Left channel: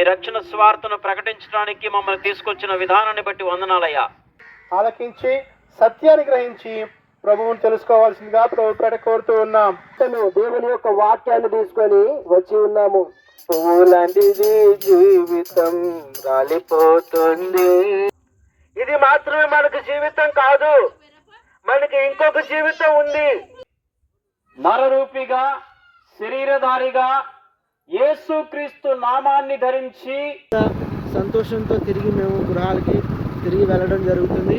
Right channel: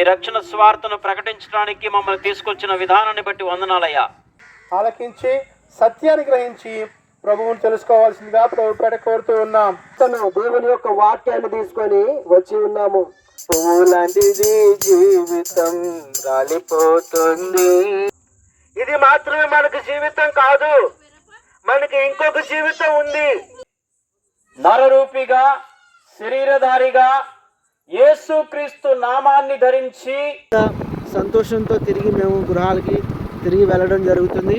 ఈ రక్షణ స్వార్థను ప్రకటించడానికి మమ్మల్ని తీసుకొచ్చిన విధానాన్ని బట్టి వందనాలయ్యా. ఆలకించి సత్యాన్ని గ్రహించి ప్రభువుని తెలుసుకోవాల్సిందిగా ప్రభుపేట కోరుతూ ఉన్నాం. దేవుని యొక్క వాక్యాన్ని తీసుకొని వచ్చి ఉన్నాము. పువ్వులాంటిది జీవితం రాలిపోతుంది. ఇది మాత్రమే మనకు జీవితం కాదు, మనకి ఇంకొక జీవితం ఉంది. నరరూపిగా శరీరధారిగా యేసుక్రీస్తు నామాన్ని ధరించి సంతోషంతో తిరిగి మేము గృహాలకి తిరిగి వెళ్ళడం జరుగుతుంది.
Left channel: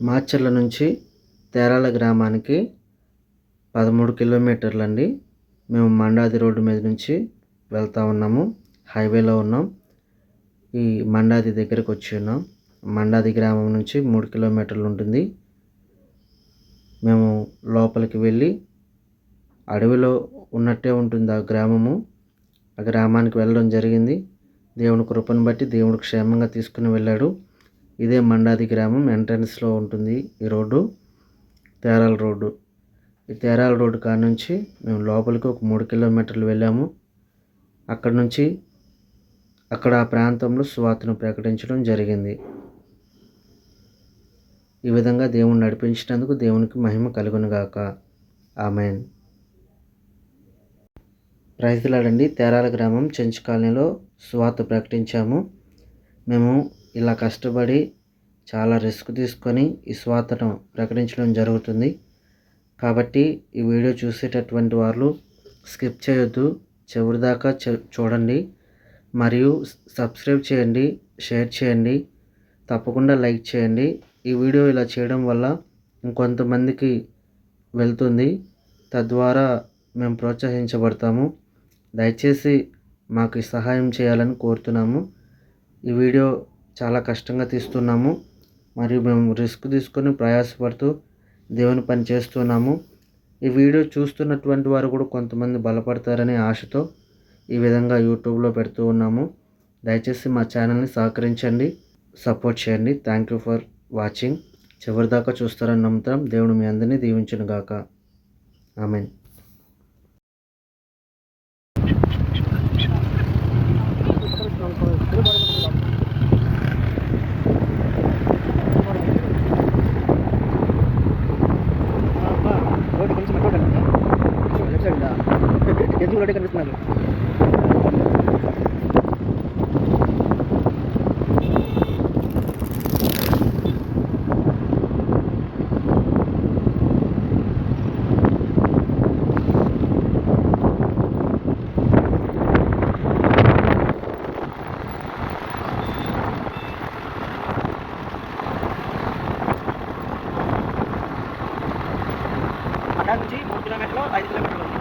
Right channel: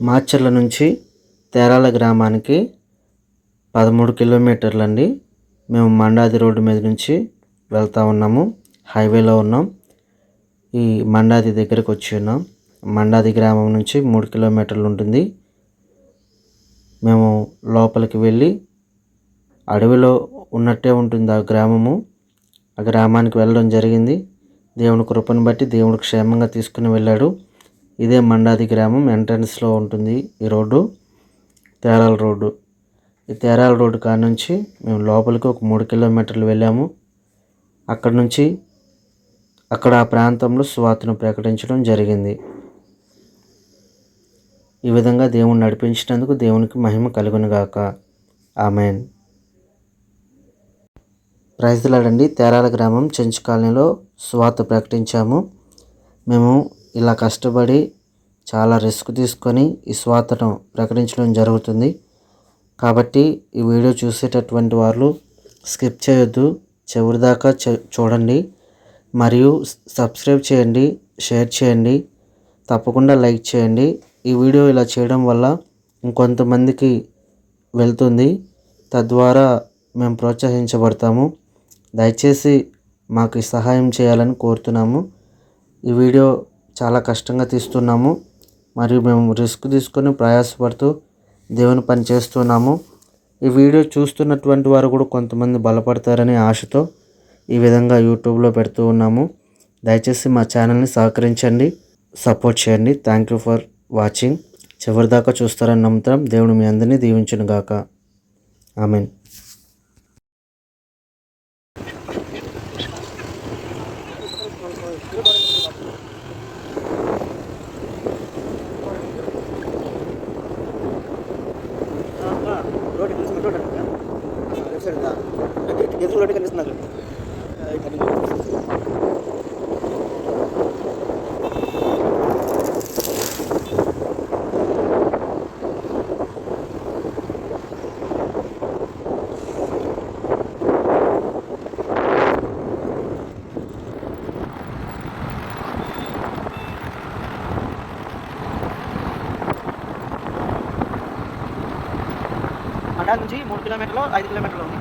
మాచర్ల నుంచి తేరాల గ్రామానికి 13 కిలోమీటర్లండి. మేము మండాది రోడ్డు మీద నుంచి వెళ్తూ ఉన్నాము. హైవేలో ఉన్నాం. ఈ మండాది దగ్గరకు వచ్చి ఉన్నాం. మండాది గ్రామం నుంచి 3 కిలోమీటర్లు ఉంటుంది. మేము లోపలికి వెళ్ళి అడవిలో ఉన్నట్టే ఉంటుంది ఆ గ్రామము. ఆ గ్రామానికి వెళ్ళడం జరిగింది. దేవుని కృపను బట్టి దేవుడు క్షేమంగా తీసుకుని వెళ్ళాడు. ఇదే మండాది గ్రామం ఎంట్రన్స్లో ఉంటుంది ఈ రోడ్డు, తేరాల రోడ్డు. ఈ తేరాల రోడ్డు కాడ నుంచి మేము లోపలికి ఒక 3 కిలోమీటర్లు వెళ్ళాము. అక్కడ నుంచి అక్కడ ఆ ప్రాంతంలో సువార్తను ప్రకటించడం జరిగింది. ఈ విధంగా దేవుని నడిపించినందుకు దేవునికి మహిమ కలుగునుగాక. ఆమెన్. ప్రైజ్ ది లార్డ్ అండి. తేరాల గ్రామం చెంచు కాలనీలో సువార్త ప్రకటించాము. మేము ఇలా కష్టపడి చాలా రిస్క్ తీసుకొని ఈ సువార్తను ప్రకటించడం జరుగుతుంది. కాబట్టి ఈ వీడియో చూసేటటువంటి వాళ్ళు స్కిప్ చేయొద్దు, చివరి దాకా చూడండి. మరియు సబ్స్క్రైబ్ చేయండి, షేర్ చేయండి, తప్పకుండా లైక్ చేయండి. ఈ వీడియో ఇలా చేయడం వల్ల ఇంకొంతమందికి వెళ్తుంది, తద్వారా మేము ప్రోత్సహించబడతాము. దయచేసి మాకు సహాయం చేయాలని కోరుతున్నాము. ఈ వీడియో చాలా కష్టంగా తీస్తున్నాము మరియు మేము రిస్క్ తీసుకొని ప్రయాసపడుతూ దేవుని పని చేస్తున్నాము. ఈ వీడియో చూస్తున్నటువంటి వారు కూడా కొంతమంది బలపడతారని ఆశతో ఈ విధంగా యూట్యూబ్లో పెడుతూ ఉన్నాము. దయచేసి మా ఛానల్ని సహకరించండి, సపోర్ట్ చేయండి. Thank you for watching. చివరిదాకా చూస్తారని నమ్ముతాం. దేవుడు మీ అందరినీ దీవించును గాక. ఆమెన్. ఎదురు రోడ్డు కనిపిస్తున్నారు. మండల నుంచి 3 కిలోమీటర్లు 5 కిలోమీటర్లు ఉంది.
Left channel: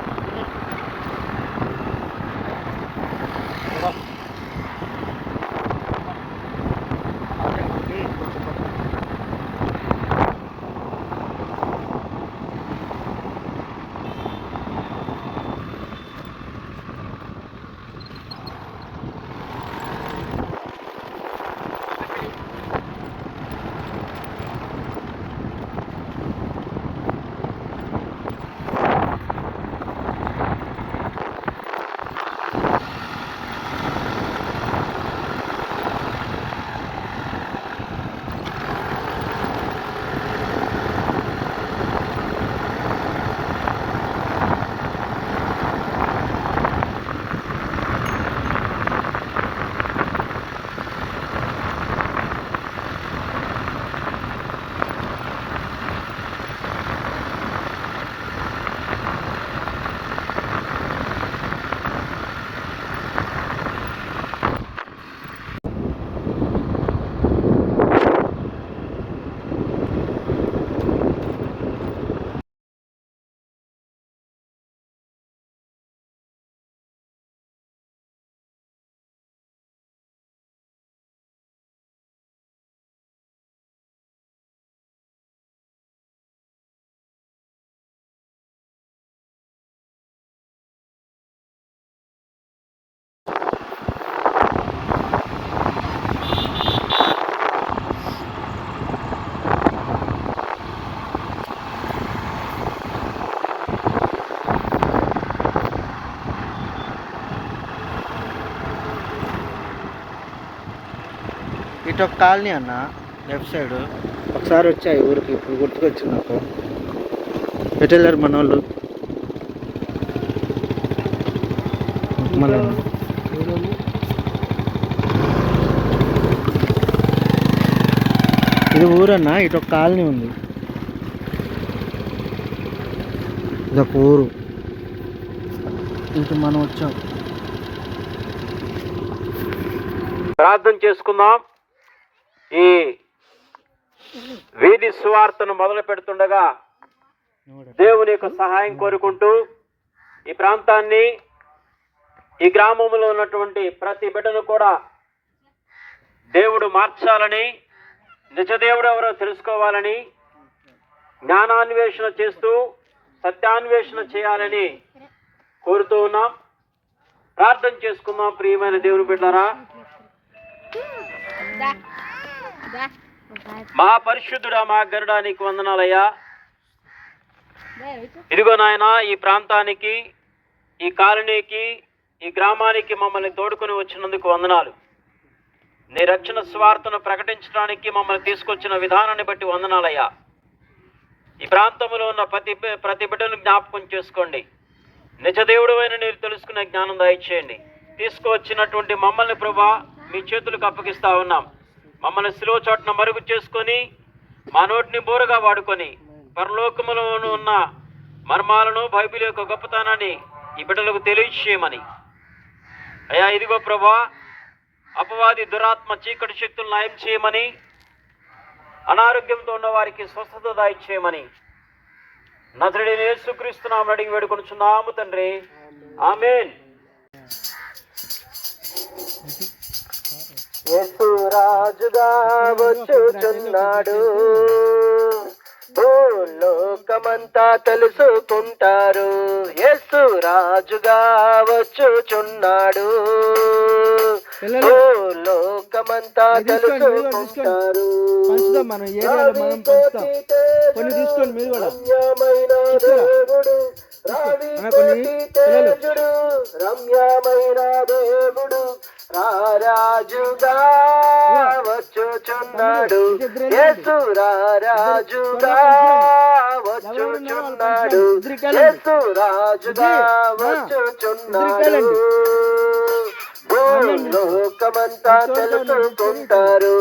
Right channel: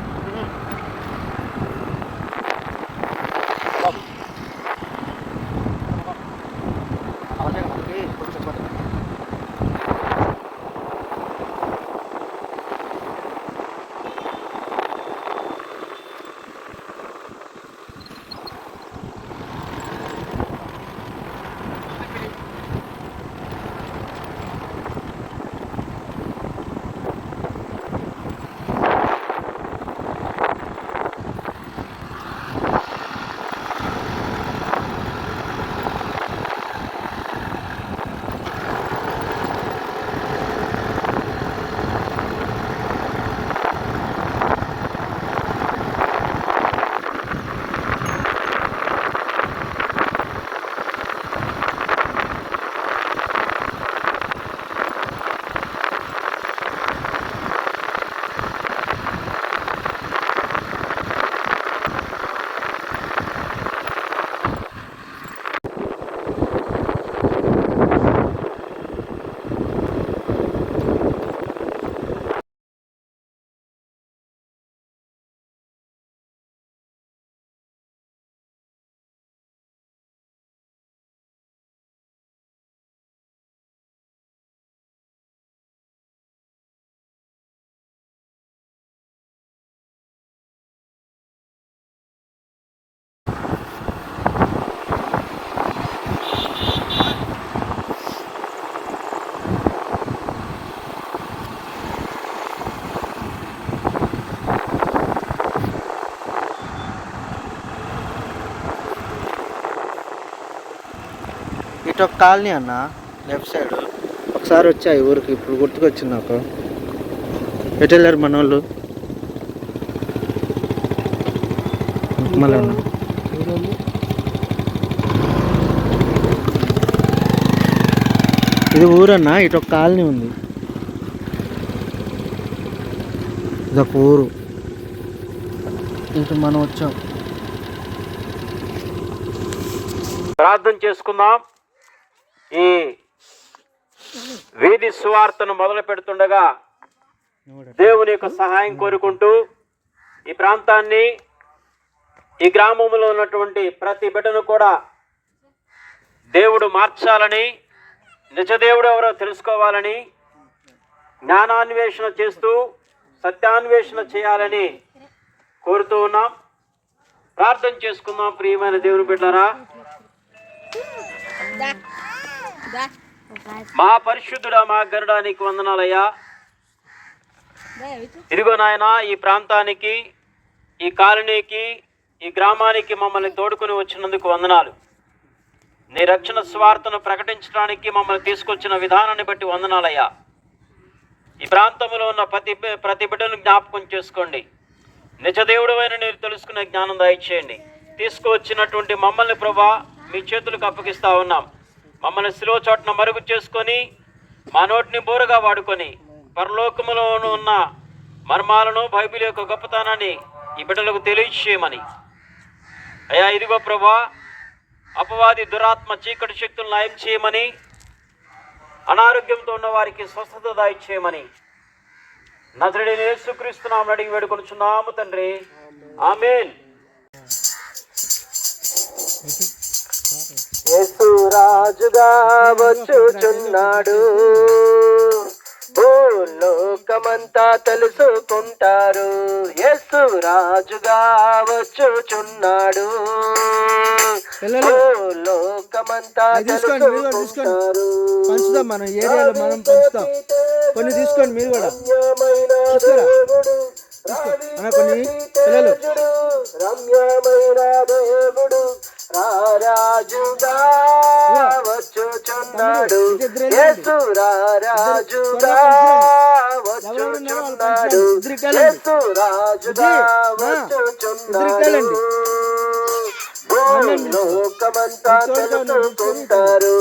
ఇటు ఒక కాలనీ అన్న, లెఫ్ట్ సైడ్. ఒకసారి వచ్చాయి ఊరికి, ఇప్పుడు గుర్తుకొచ్చింది నాకు. ఎటు వెళ్ళారు మన వాళ్ళు? మళ్ళీ ఉన్నా. ఇది ఊరన్నా, ఇటు ఒక కాలనీ ఉంది. ఇదొక ఊరు, ఇటు మనం వచ్చాం. ప్రార్థన చేసుకుందాం. ఈ వీధి సువార్తను మొదలు పెడుతుండగా దేవుని యొక్క సహాయం కోరుకుంటూ ఈ ప్రాంతాన్ని, ఈ గ్రామంలో ఉన్నటువంటి ప్రతి బిడ్డను కూడా దేవుడు మార్చాలని, నిజదేవుడు ఎవరో తెలుసుకోవాలని, జ్ఞానాన్వేషణ చేస్తూ సత్యాన్వేషణ చేయాలని కోరుతూ ఉన్నాం. ప్రార్థన చేసుకుందాం. ప్రియమైన దేవుని బిడ్డలారా, మా పరిశుద్ధుడా, మా గరుడా, నీకు వందనాలయ్యా. ఇదిగో నాయన, ఈ ప్రాంతానికి, ఈ కాలనీకి, ఈ గ్రామానికి మమ్మల్ని తోడుకొని వచ్చినందుకు వందనాలు. నీ రక్షణ స్వార్థను ప్రకటించడానికి మమ్మల్ని తీసుకొచ్చిన విధానాన్ని బట్టి వందనాలయ్యా. ఈ ప్రాంతంలో ఉన్న ప్రతి బిడ్డను జ్ఞాపకం చేసుకోండి. నిజదేవుడు అయిన మీరు తెలుసుకునే జ్ఞానం దయచేయండి. తీసుకువచ్చినటువంటి మమ్మల్ని ప్రభా మీ చేతులకు అప్పగిస్తా ఉన్నాం. మమ్మల్ని శిలువ చోటున మరుగు చేసుకొని, మా నోటిని బోరుగా వాడుకొని, పరలోకములో ఉన్న మర్మాలను, బైబిల్ యొక్క గొప్పతనాన్ని ఈ బిడ్డలకు తెలియచేయమని అయ్యా. ఇదిగో ప్రభా, అపవాది దురాత్మ చీకటి శక్తులను నయం చేయమని, అనారోగ్యంతో ఉన్న వారికి స్వస్థత దయచేయమని నజరేయుడైన యేసుక్రీస్తు నామమున అడిగి వేడుకొనుచున్నాము తండ్రి, ఆమేన్. యేసు రాజుగా వచ్చుచున్నాడు, లోకమంతా తెలుసుకుంటారు. యేసు రాజుగా వచ్చుచున్నాడు, లోకమంతా తెలుసుకుంటారు. పంచుదాం, మన ఏరియాలో మనం పంచుతాం. కొన్ని తీసుకోండి మీరు కూడా. కొన్ని పిల్లలు. రమ్యమైన దేవుడు రారాజుగా వచ్చుచున్నాడు, యేసు రారాజుగా వచ్చుచున్నాడు, యేసు రాజుగా వచ్చుచున్నాడు. లోకమంతా తెలుసుకుంటారు,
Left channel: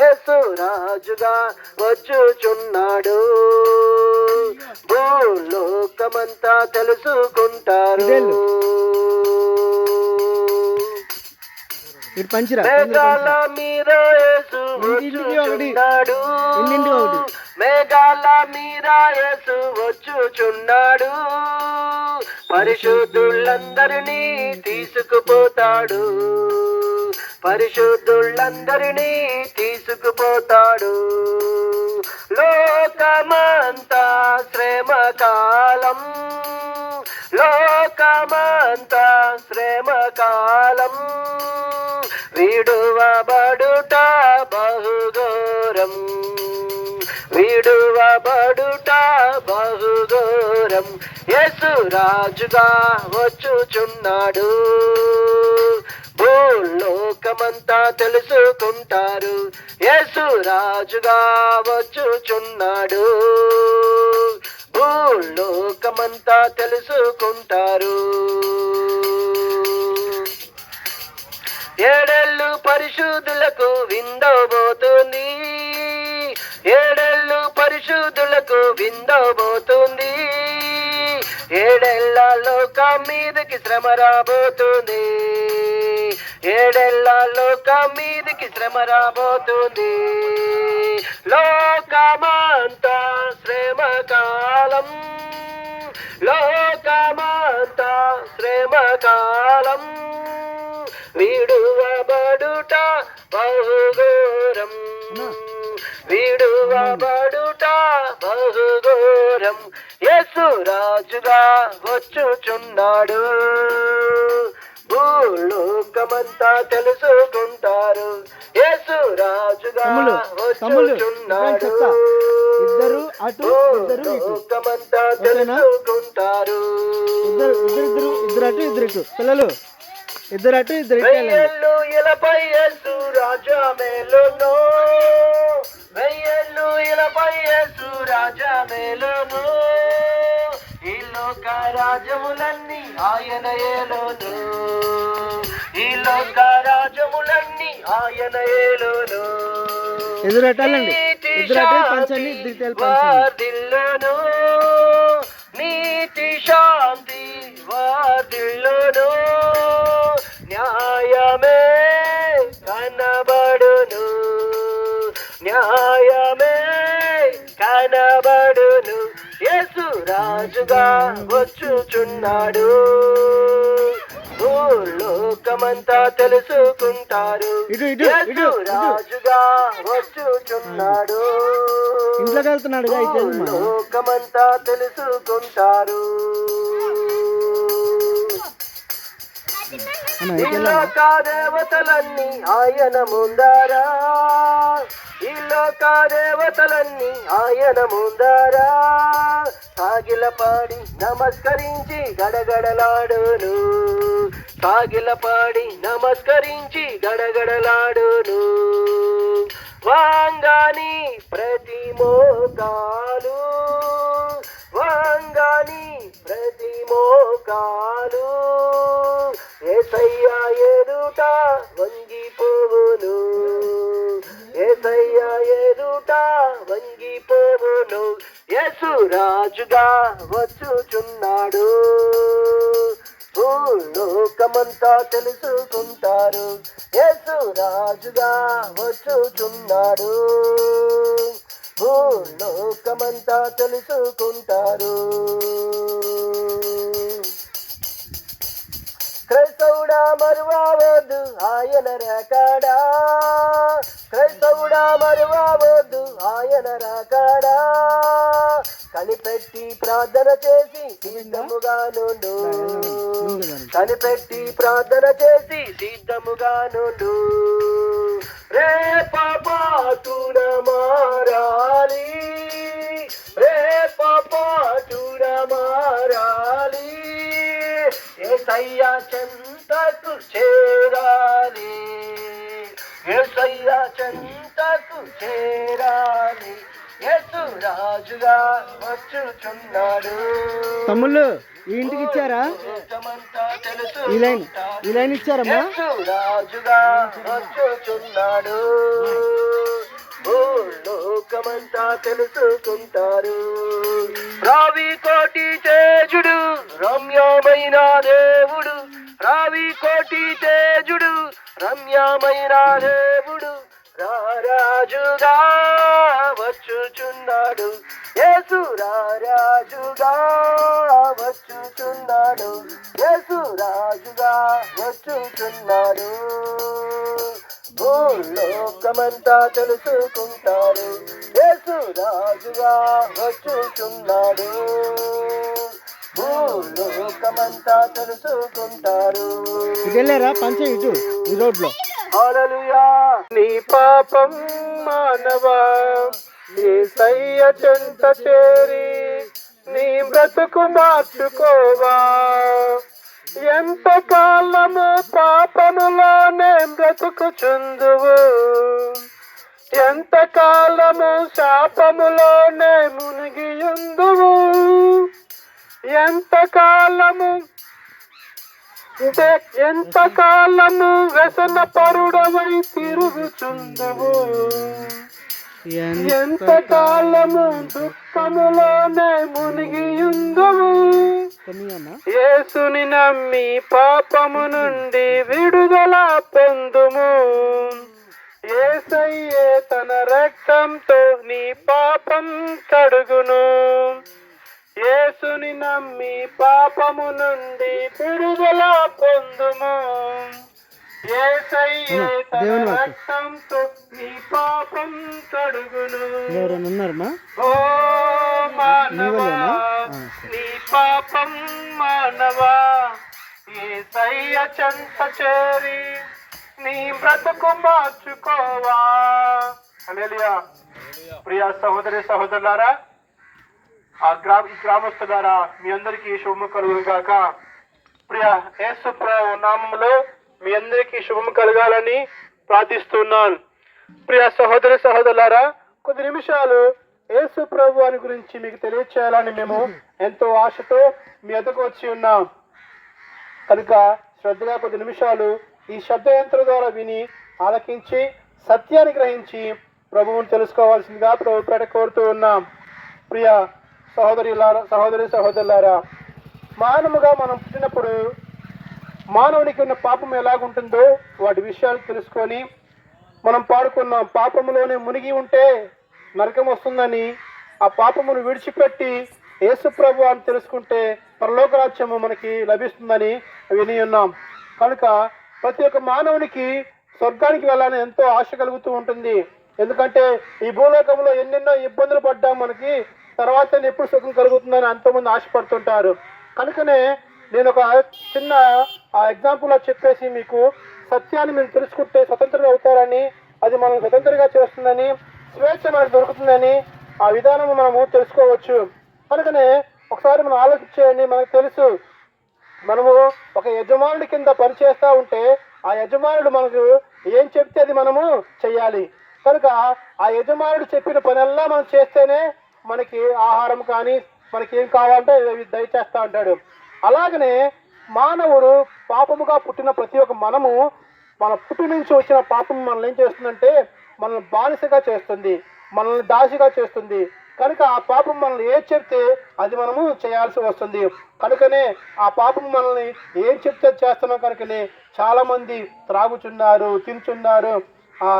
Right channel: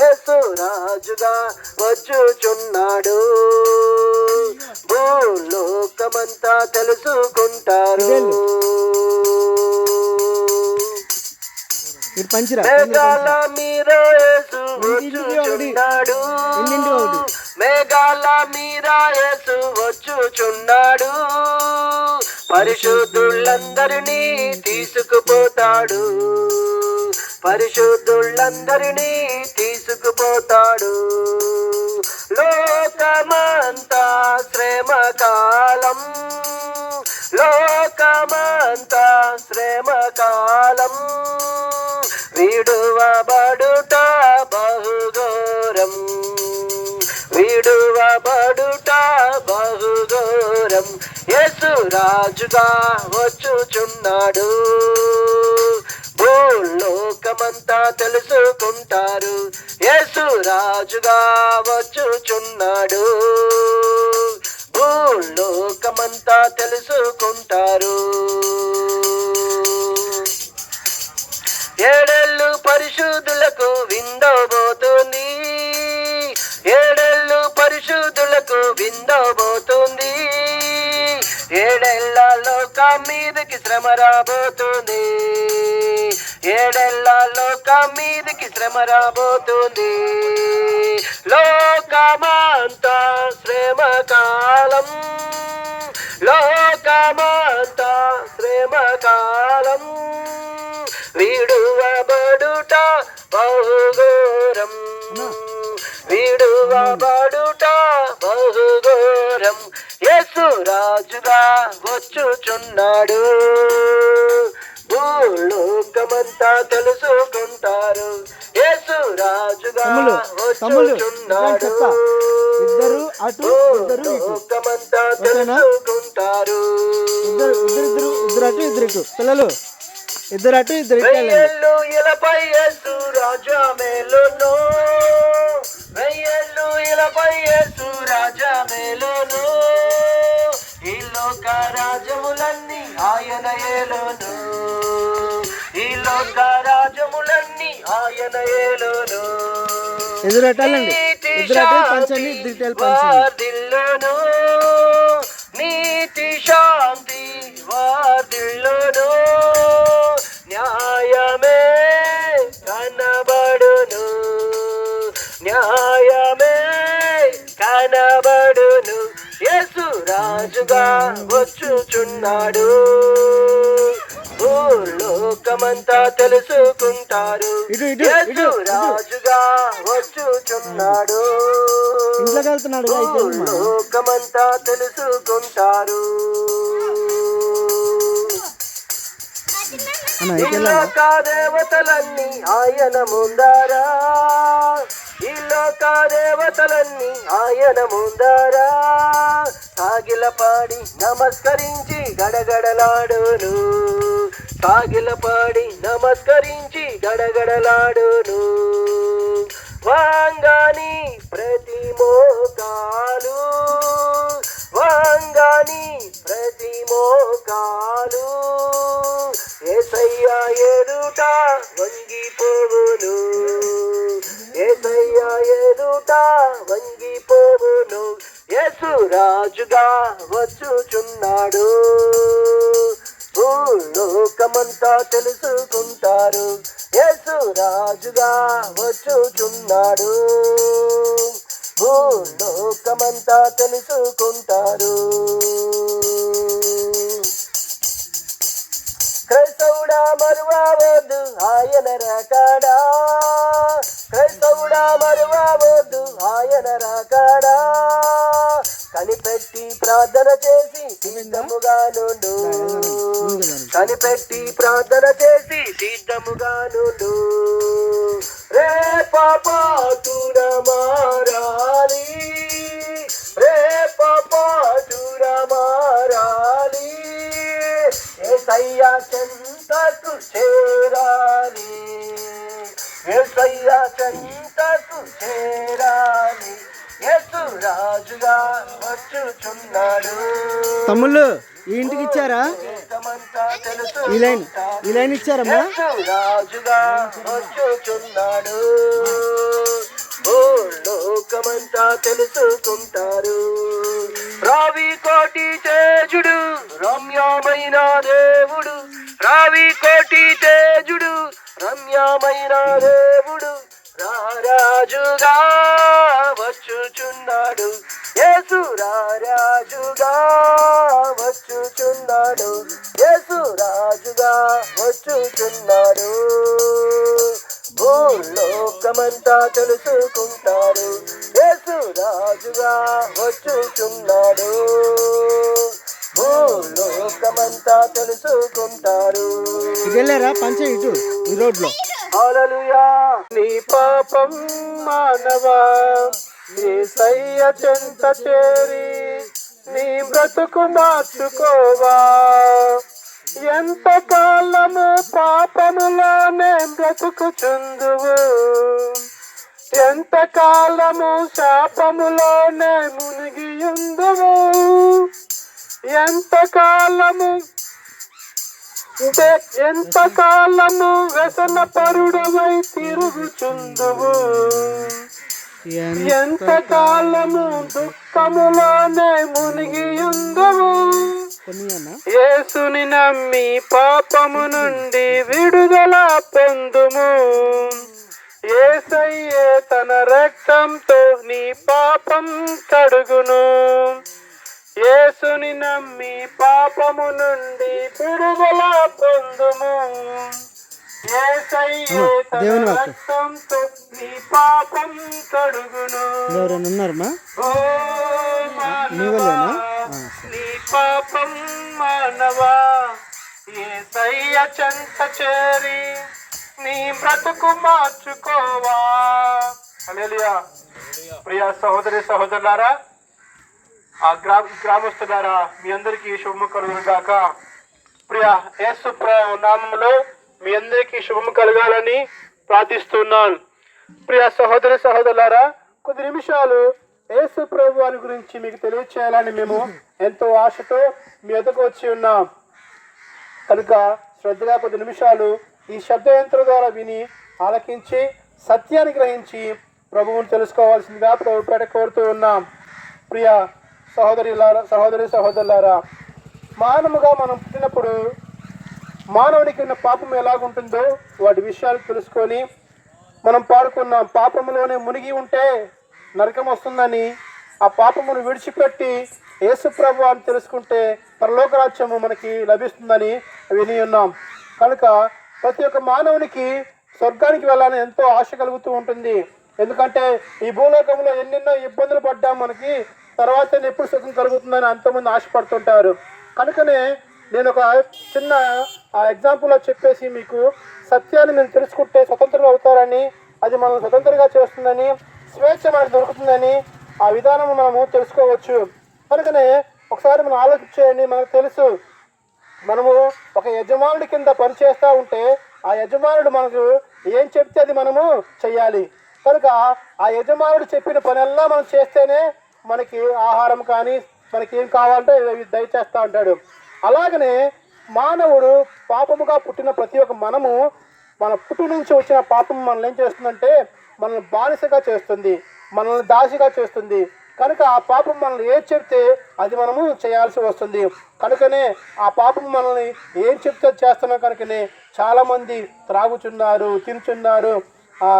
యేసు రాజుగా వచ్చుచున్నాడు, భూలోకమంతా తెలుసుకుంటారు. మేఘాల మీద యేసు వచ్చుచున్నాడు, మేఘాల మీద యేసు వచ్చుచున్నాడు, పరిశుద్ధులందరినీ తీసుకుపోతాడు, పరిశుద్ధులందరినీ తీసుకుపోతాడు. లోకమంతా శ్రమకాలం, లోకమంతా శ్రమకాలం, విడువబడుట బహుఘోరం, విడువబడుట బహుఘోరం. యేసు రాజుగా వచ్చుచున్నాడు, భూలోకమంతా తెలుసుకుంటారు, యేసు రాజుగా వచ్చుచున్నాడు, భూలోకమంతా తెలుసుకుంటారు. ఏడేళ్ళు పరిశుద్ధులకు విందవబోతుంది, ఏడేళ్ళు పరిశుద్ధులకు విందవబోతుంది, ఏడేళ్ళ లోకం మీదకి శ్రమ రాబోతుంది, ఏడేళ్ళ లోకం మీదకి శ్రమ రాబోతుంది. లోకమంతా శ్రమకాలం, లోకమంతా శ్రమకాలం, విడువబడుట బహుఘోరం, విడువబడుట బహుఘోరం. యేసు రాజుగా వచ్చుచున్నాడు, భూలోకమంతా తెలుసుకుంటారు, యేసు రాజుగా వచ్చుచున్నాడు, భూలోకమంతా తెలుసుకుంటారు. ఇద్దరు ఇద్దరు ఇద్దరు అటు ఇద్దరు ఇటు పిల్లలు. ఇద్దరు అటు ఇద్దరు ఇటు వెళ్ళండి. వెయ్యేళ్ళు ఇలపై యేసు రాజా మేలును, వెయ్యేళ్ళు ఇలపై యేసు రాజా మేలును, ఈ లోక రాజ్యములన్నీ ఆయన ఏలును, ఈ లోక రాజ్యములన్నీ ఆయన ఏలును. ఎదురు అటు వెళ్ళండి, ఇద్దరు అటు పంచండి, ఇద్దరు ఇటు వెళ్ళి పంచండి. వార్ధిల్లును, నీతి శాంతి వార్ధిల్లును, న్యాయమే కనబడును, న్యాయమే కనబడును, యేసు రాజుగా వచ్చుచున్నాడు, భూలోకమంతా తెలుసుకుంటారు, ఇటు ఇటు ఇటు యేసు రాజుగా వచ్చుచున్నాడు, ఇంట్లోకి వెళ్తున్నాడు అయితే లోకమంతా తెలుసుకుంటారు. ఈ లోక దేవతలన్నీ ఆయన ముందారా, ఈ లోక దేవతలన్నీ ఆయన ముందారా, సాగిలపాడి నమస్కరించి గడగడలాడును, సాగిలపాడి నమస్కరించి గడగడలాడును, వాంగాని ప్రతి మోకాలు, వాంగాని ప్రతి మోకాలు, యేసయ్య ఎదుట వంగిపోవును, యేసయ్య ఎదుట వంగిపోవును, యేసు రాజుగా వచ్చుచున్నాడు, భూలోకమంతా తెలుసుకుంటారు, యేసు రాజుగా వచ్చుచున్నాడు, భూలోకమంతా తెలుసుకుంటారు. క్రైస్తవుడా మరువవద్దు ఆయన రాకడా, క్రైస్తవుడా మరువవద్దు ఆయన రాకడా, కనిపెట్టి ప్రార్థన చేసి సిద్ధముగా నుండు, కనిపెట్టి ప్రార్థన చేసి సిద్ధముగా నుండు, రేపాపాతుడ మారాలి, రేపాపాతుడ మారాలి, యేసయ్య చెంతకు చేరాలి, యేసయ్య చెంతకు చేరాలి, యేసు రాజుగా వచ్చుచున్నాడు. తమ్ముళ్ళు ఈ ఇంటికి ఇచ్చారా? ఈ లైన్ ఇచ్చారమ్మా? యేసు రాజుగా వచ్చుచున్నాడు, లోకమంతా తెలుసుకుంటారు. రావి కోటి తేజుడు రమ్యమైన దేవుడు, రావి కోటి తేజుడు రమ్యమైన దేవుడు, రారాజుగా వచ్చుచున్నాడు, యేసు రారాజుగా వచ్చుచున్నాడు, యేసు రాజుగా వచ్చుచున్నాడు, భూలోకమంతా తెలుసుకుంటారు, యేసు రాజుగా వచ్చుచున్నాడు, భూలోకమంతా తెలుసుకుంటారు. ఇటు వెళ్ళారా పంచ ఇటు ఈ రోడ్లో? హల్లెలూయా. నీ పాపం మానవా యేసయ్య చెంత చేరి నీ బ్రతుకు మార్చుకోవా, ఎంత కాలము పాపములోనే బ్రతుకుచుందువు, ఎంత కాలము శాపములోనే మునిగియుందువు, ఎంత కాలము వ్యసన పరుడవై తిరుగుచుందువు, ఎంత కాలము దుఃఖములోనే మునిగియుందువు, యేసుని నమ్మి పాపము నుండి విడుదల పొందుము, యేసయ్యే తన రక్తంతో నీ పాపం కడుగును, యేసుని నమ్మి పాపము నుండి విడుదల పొందుము, యేసయ్యే తన రక్తంతో నీ పాపం కడుగును. ఎవరైనా ఉన్నారమ్మా? ఓ మానవా నీ పాపం మానవా యేసయ్య చెంత చేరి నీ బ్రతుకు మార్చుకోవా. హల్లెలూయా. ప్రియ సహోదరి సహోదరులారా, గ్రామస్తులారా, మీ అందరికీ శుభము కలుగును గాక. ప్రియ యేసు నామములో మీ అందరికీ శుభం కలగాలని ప్రార్థిస్తున్నాను. ప్రియ సహోదర సహోదరులారా, కొద్ది నిమిషాలు యేసు ప్రభు వారి గురించి మీకు తెలియచేయాలని మేము ఎంతో ఆశతో మీ ఎదుకు వచ్చి ఉన్నాం. కనుక శ్రద్ధగా కొద్ది నిమిషాలు ఈ శబ్దయంత్రం ద్వారా విని ఆలకించి సత్యాన్ని గ్రహించి ప్రభువుని తెలుసుకోవాల్సిందిగా ప్రభు పేట కోరుతూ ఉన్నాం. ప్రియ సహోదరి సహోదరులారా, మానవుగా మనం పుట్టినప్పుడు మానవునికి ఉన్న పాపం ఎలాగుంటుందో వాటి విషయాలు తెలుసుకొని మనం పాడుకున్నాం. పాపములోనే మునిగి ఉంటే నరకం వస్తుందని, ఆ పాపమును విడిచిపెట్టి యేసు ప్రభు అని తెలుసుకుంటే పరలోక రాజ్యము మనకి లభిస్తుందని విని ఉన్నాం. కనుక ప్రతి ఒక్క మానవునికి స్వర్గానికి వెళ్ళాలని ఎంతో ఆశ కలుగుతూ ఉంటుంది. ఎందుకంటే ఈ భూలోకంలో ఎన్నెన్నో ఇబ్బందులు పడ్డాం, మనకి తర్వాత ఎప్పుడు సుఖం కలుగుతుందని ఎంతోమంది ఆశపడుతుంటారు. కనుకనే నేను ఒక చిన్న ఎగ్జాంపుల్లో చెప్పేసి మీకు సత్యాన్ని మీరు తెలుసుకుంటే స్వతంత్రంగా అవుతారని, అది మనం స్వతంత్రంగా చేస్తుందని, స్వేచ్ఛ మనకు దొరుకుతుందని ఆ విధానం మనము తెలుసుకోవచ్చు. కనుకనే ఒకసారి మనం ఆలోచించేయండి. మనకు తెలుసు, మనము ఒక యజమానుడి కింద పనిచేస్తూ ఉంటే ఆ యజమానుడు మనకు ఏం చెప్తే అది మనము చెయ్యాలి. కనుక ఆ యజమానుడు చెప్పిన పనెల్లా మనం చేస్తేనే మనకి ఆహారం కానీ మనకి ఏం కావాలంటే దయచేస్తూ ఉంటాడు. అలాగనే మానవుడు పాపముగా పుట్టిన ప్రతి ఒక్క మనము మన పుట్టి నుంచి వచ్చిన పాపం మనల్ని ఏం చేస్తుందంటే మనల్ని బానిసగా చేస్తుంది, మనల్ని దాసిగా చేస్తుంది. కనుక ఆ పాపం మనల్ని ఏం చెప్తే అది మనము చేయాల్సి వస్తుంది. కనుకనే ఆ పాపం మనల్ని ఏం చెప్తే చేస్తున్నాం. కనుకనే చాలామంది త్రాగుచున్నారు, తింటున్నారు,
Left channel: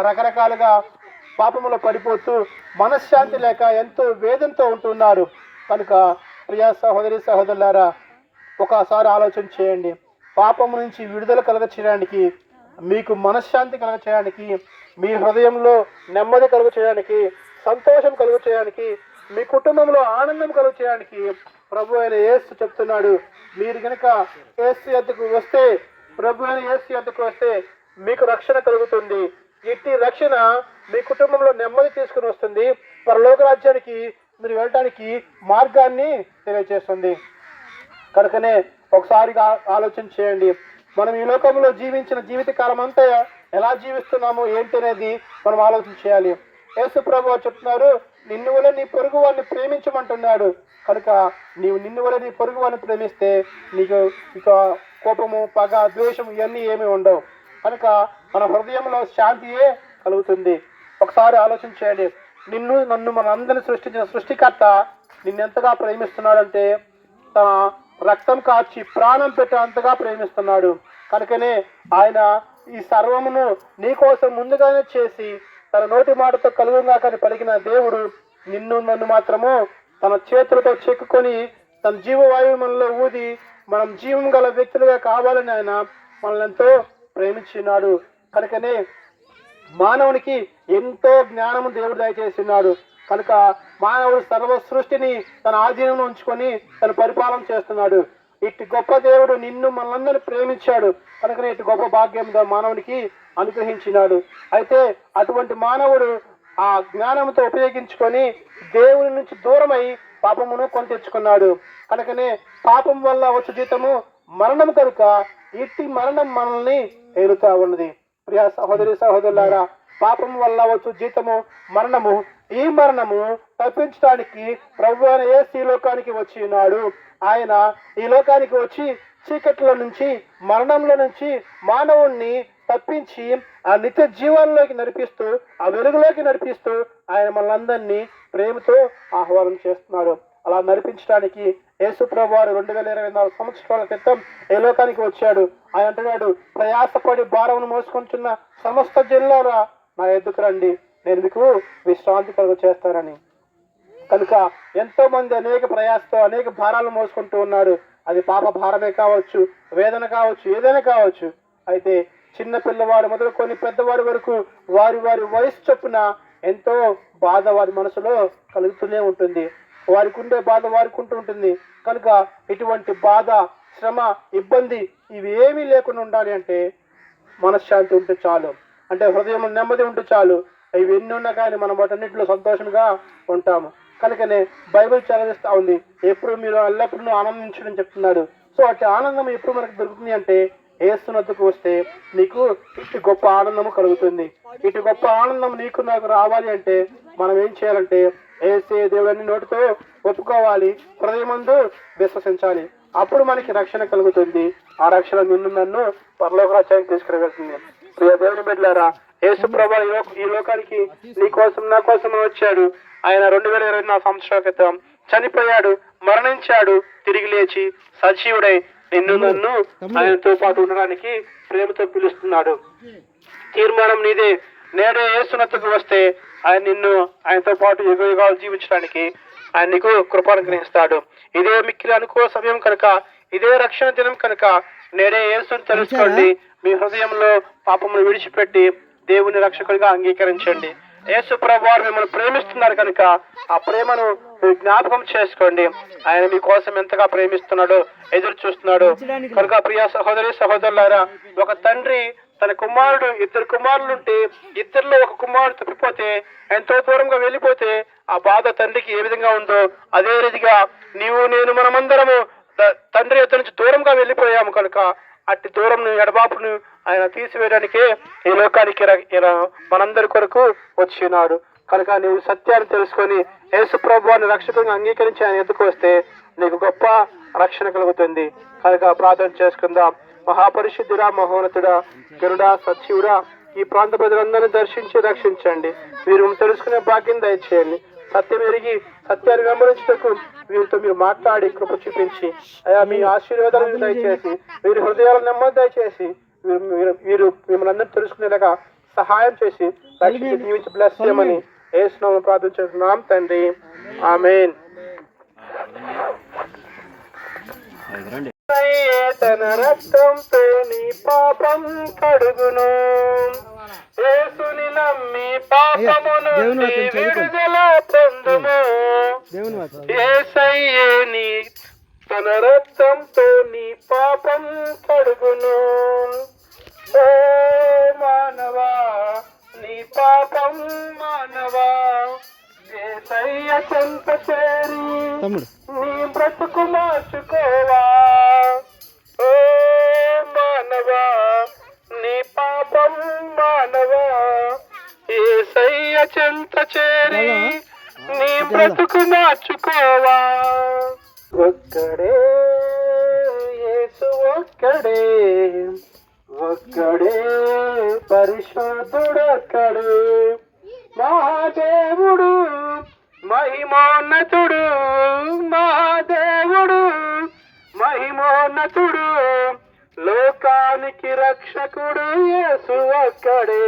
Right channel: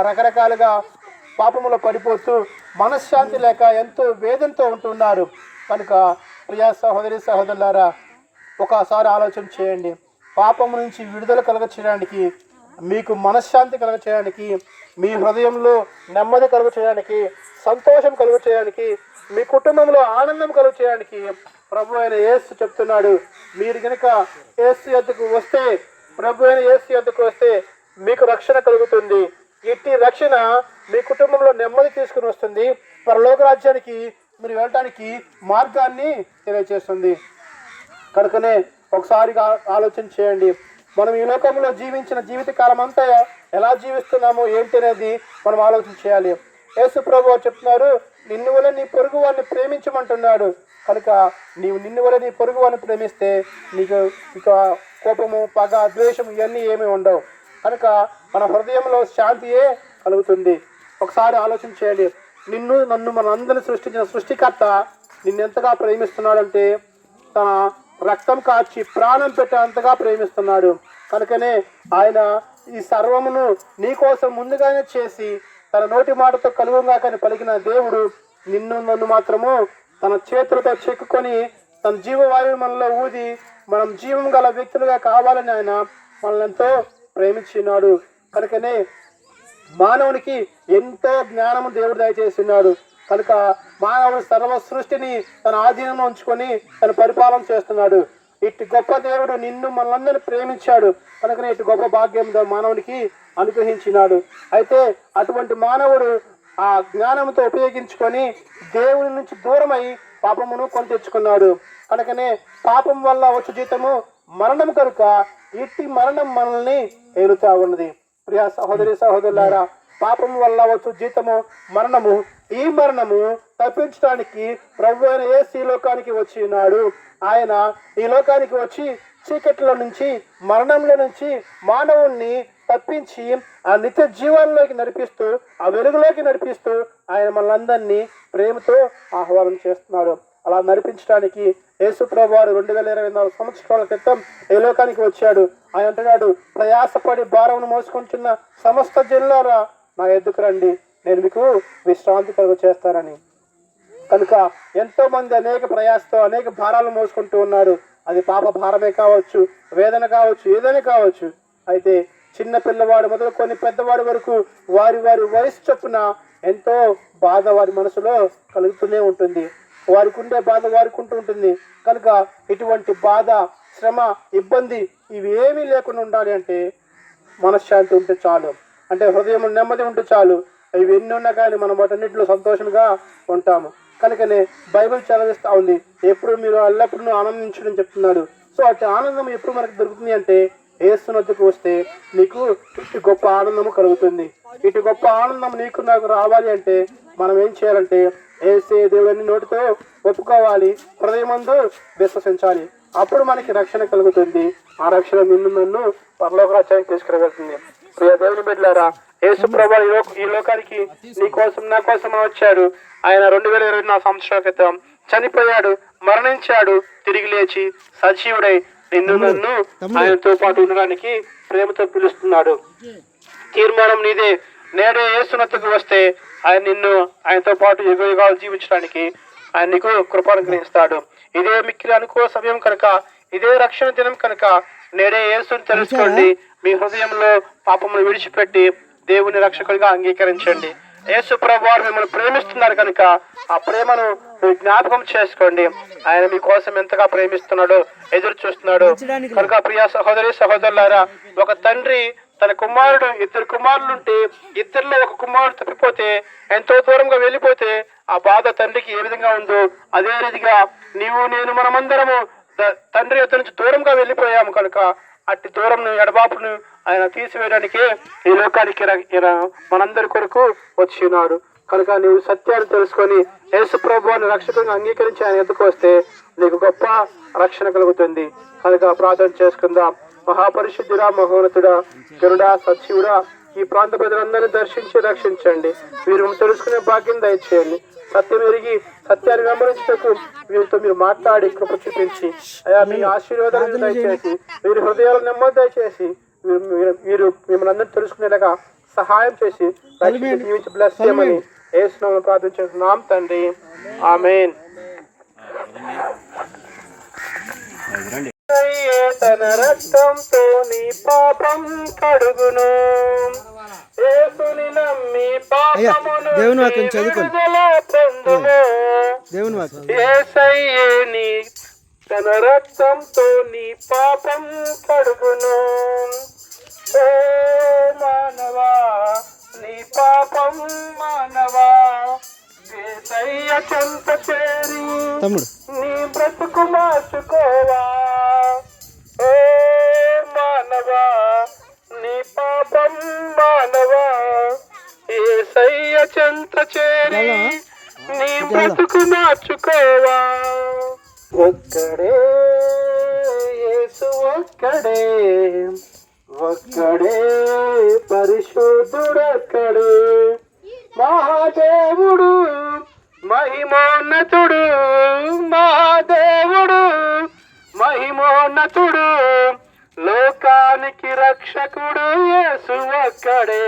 రకరకాలుగా పాపములో పడిపోతూ మనశ్శాంతి లేక ఎంతో వేదనతో ఉంటున్నారు. కనుక ప్రియా సహోదరి సహోదరులారా, ఒకసారి ఆలోచన చేయండి. పాపము నుంచి విడుదల కలగచేయడానికి, మీకు మనశ్శాంతి కలగచేయడానికి, మీ హృదయంలో నెమ్మది కలుగచేయడానికి, సంతోషం కలుగచేయడానికి, మీ కుటుంబంలో ఆనందం కలుగచేయడానికి ప్రభు అయిన యేసు చెప్తున్నాడు. మీరు కనుక యేసు యొద్దకు వస్తే, ప్రభు అయిన యేసు యొద్దకు వస్తే మీకు రక్షణ కలుగుతుంది. ఇట్టి రక్షణ మీ కుటుంబంలో నెమ్మది తీసుకుని వస్తుంది. పరలోక రాజ్యానికి మీరు వెళ్ళటానికి మార్గాన్ని తెలియజేస్తుంది. కనుకనే ఒకసారి ఆలోచన చేయండి. మనం ఈ లోకంలో జీవించిన జీవితకాలం అంతా ఎలా జీవిస్తున్నామో ఏంటి అనేది మనం ఆలోచన చేయాలి. యేసు ప్రభువు చెప్తున్నారు, నిన్ను వలె నీ పొరుగు వారిని ప్రేమించమంటున్నాడు. కనుక నీవు నిన్ను వలె నీ పొరుగు వారిని ప్రేమిస్తే నీకు ఇక కోపము, పగ, ద్వేషం ఇవన్నీ ఏమీ ఉండవు. కనుక మన హృదయంలో శాంతియే కలుగుతుంది. ఒకసారి ఆలోచన చేయండి. నన్ను మన అందరిని సృష్టించిన సృష్టికర్త నిన్నెంతగా ప్రేమిస్తున్నాడంటే తన రక్తం కాచి ప్రాణం పెట్టేంతగా ప్రేమిస్తున్నాడు. కనుకనే ఆయన ఈ సర్వమును నీ కోసం ముందుగానే చేసి తన నోటి మాటతో కలుగుగా కానీ పలికిన దేవుడు నన్ను మాత్రము తన చేతులతో చెక్కుకొని తన జీవవాయువు మనలో ఊది మనం జీవం గల వ్యక్తులుగా కావాలని ఆయన మనల్ని ఎంతో ప్రేమించినాడు. కనుకనే మానవునికి ఎంతో జ్ఞానము దేవుడు దయచేస్తున్నాడు. కనుక మానవుడు సర్వ సృష్టిని తన ఆధీనంలో ఉంచుకొని తను పరిపాలన చేస్తున్నాడు. ఇటు గొప్ప దేవుడు నిన్ను మనందరినీ ప్రేమించాడు. కనుక ఇటు గొప్ప భాగ్యం మానవునికి అనుగ్రహించినాడు. అయితే అటువంటి మానవుడు ఆ జ్ఞానంతో ఉపయోగించుకొని దేవుని నుంచి దూరమై పాపమును కొని తెచ్చుకున్నాడు. కనుకనే పాపం వల్ల వచ్చు జీతము మరణం. కనుక ఇట్టి మరణం మనల్ని ఏలుతా ఉన్నది. ప్రియ సహోదరి సహోదరులారా, పాపం వల్ల వచ్చు జీతము మరణము. ఈ మరణము తప్పించడానికి ప్రభు అయిన యేసు ఈ లోకానికి వచ్చి ఉన్నాడు. ఆయన ఈ లోకానికి వచ్చి చీకట్లో నుంచి, మరణంలో నుంచి మానవుణ్ణి తప్పించి ఆ నిత్య జీవనంలోకి నడిపిస్తూ, ఆ వెలుగులోకి నడిపిస్తూ ఆయన మనందరినీ ప్రేమతో ఆహ్వానం చేస్తున్నాడు. అలా నడిపించడానికి యేసు ప్రభు వారు 2024 సంవత్సరాల క్రితం ఈ లోకానికి వచ్చాడు. ఆయన అంటున్నాడు, ప్రయాసపడి భారమును మోసుకుంటున్న సమస్త జనులారా నా ఎద్దుకు రండి, నేను మీకు విశ్రాంతి కలుగ చేస్తానని. కనుక ఎంతో మంది అనేక ప్రయాసతో అనేక భారాలు మోసుకుంటూ ఉన్నారు. అది పాప భారమే కావచ్చు, వేదన కావచ్చు, ఏదైనా కావచ్చు. అయితే చిన్న పిల్లవాడు మొదలుకొని పెద్దవాడి వరకు వారి వారి వయసు చొప్పున ఎంతో బాధ వారి మనసులో కలుగుతూనే ఉంటుంది. వారికి ఉండే బాధ వారికి ఉంటుంది. కనుక ఇటువంటి బాధ, శ్రమ, ఇబ్బంది ఇవి ఏమీ లేకుండా ఉండాలి అంటే మనశ్శాంతి ఉంటే చాలు. అంటే హృదయం నెమ్మది ఉంటే చాలు. ఇవి ఎన్ని ఉన్నా కానీ మనం వాటన్నిటిలో సంతోషంగా ఉంటాము. కనుకనే బైబిల్ చదివిస్తూ ఉంది, ఎప్పుడు మీరు ఎల్లప్పుడూ ఆనందించడం చెప్తున్నాడు. సో అటు ఆనందం ఎప్పుడు మనకు దొరుకుతుంది అంటే యేసునొద్దకు వస్తే నీకు ఇటు గొప్ప ఆనందము కలుగుతుంది. ఇటు గొప్ప ఆనందం నీకు నాకు రావాలి అంటే మనం ఏం చేయాలంటే యేసే దేవుడిని నోటితో ఒప్పుకోవాలి, హృదయమందు విశ్వసించాలి. అప్పుడు మనకి రక్షణ కలుగుతుంది. ఆ రక్షణ నిన్ను నన్ను పరలోక రాజ్యానికి తీసుకురాగలుగుతుంది. ప్రియ దేవుని బిడ్డలారా, యేసు ప్రభువు ఈ లోకానికి నీ కోసం నా కోసం వచ్చాడు. ఆయన 2024 సంవత్సరాల క్రితం చనిపోయాడు, మరణించాడు, తిరిగి లేచి సజీవుడై నిన్ను నన్ను ఆయనతో పాటు ఉండడానికి ప్రేమతో పిలుస్తున్నాడు. తీర్మానం నీదే. నేడు యేసునొద్దకు వస్తే ఆయన నిన్ను ఆయనతో పాటు యుగాలు జీవించడానికి ఆయన నీకు కృప అనుగ్రహిస్తాడు. ఇదే మిక్కిలి అనుకూల సమయం కనుక, ఇదే రక్షణ దినం కనుక నేడే యేసుని తెలుసుకోండి. మీ హృదయంలో పాపమును విడిచిపెట్టి దేవుని రక్షకుడిగా అంగీకరించండి. యేసు ప్రభువు వారు మిమ్మల్ని ప్రేమిస్తున్నారు కనుక ఆ ప్రేమను జ్ఞాపకం చేసుకోండి. ఆయన మీకోసం ఎంతగా ప్రేమిస్తున్నాడో, ఎదురు చూస్తున్నాడు కనుక ప్రియ సహోదరి సహోదరులారా, ఒక తండ్రి తన కుమారుడు, 2 కుమారులుంటే 2లో ఒక కుమారుడు తప్పిపోతే, ఎంతో దూరంగా వెళ్ళిపోతే ఆ బాధ తండ్రికి ఏ విధంగా ఉందో అదే రీతిగా నీవు నేను మనమందరము తండ్రి ఎదురు నుంచి దూరంగా వెళ్ళిపోయాము కనుక అట్టి దూరం ఎడబాపును ఆయన తీసివేయడానికి ఈ లోకానికి మనందరి కొరకు వచ్చి ఉన్నాడు. కనుక నీవు సత్యాన్ని తెలుసుకొని యేసు ప్రభువుని రక్షకుడిని అంగీకరించి ఆయన ఎదుకు వస్తే నీకు గొప్ప రక్షణ కలుగుతుంది. కనుక ప్రార్థన చేసుకుందాం. మహాపరిశుద్ధుడా, మహోన్నతుడా, గరుడా, సత్యుడా, ఈ ప్రాంత ప్రజలందరినీ దర్శించి రక్షించండి. వీరు తెలుసుకునే భాగ్యం దయచేయండి. సత్యం ఎరిగి సత్యాన్ని వెంబడించుటకు వీరితో మీరు మాట్లాడి కృప చూపించి అయా మీ ఆశీర్వాదాలను దయచేసి, వీరి హృదయాలను నెమ్మది దయచేసి వీరు మిమ్మల్ని అందరూ తెలుసుకునేలాగా సహాయం చేసి జీవించి బ్లెస్ చేయమని యేసు నామమున ప్రార్థించుచున్నాం తండ్రి. ఆమేన్. తన రక్తంతో నీ పాపం కడుగును, యేసుని నమ్మి పాపమును విడుదల పొందుము. యేసయ్యే నీ తన రక్తంతో నీ పాపం కడుగును. ఓ మానవా, నీ పాపం మానవా, యేసయ్య చెంత చేరి నీ బ్రతుకు మార్చుకోవా. ఓ మానవా, నీ పాపం మానవా, యేసయ్య చెంత చేరి నీ బ్రతుకు మార్చుకోవా. ఒక్కడే యేసు, ఒక్కడే ఒక్కడే పరిశుద్ధుడొక్కడే, మహాదేవుడు మహిమోన్నతుడు, మహాదేవుడు మహిమోన్నతుడు, లోకానికి రక్షకుడు యేసు ఒక్కడే,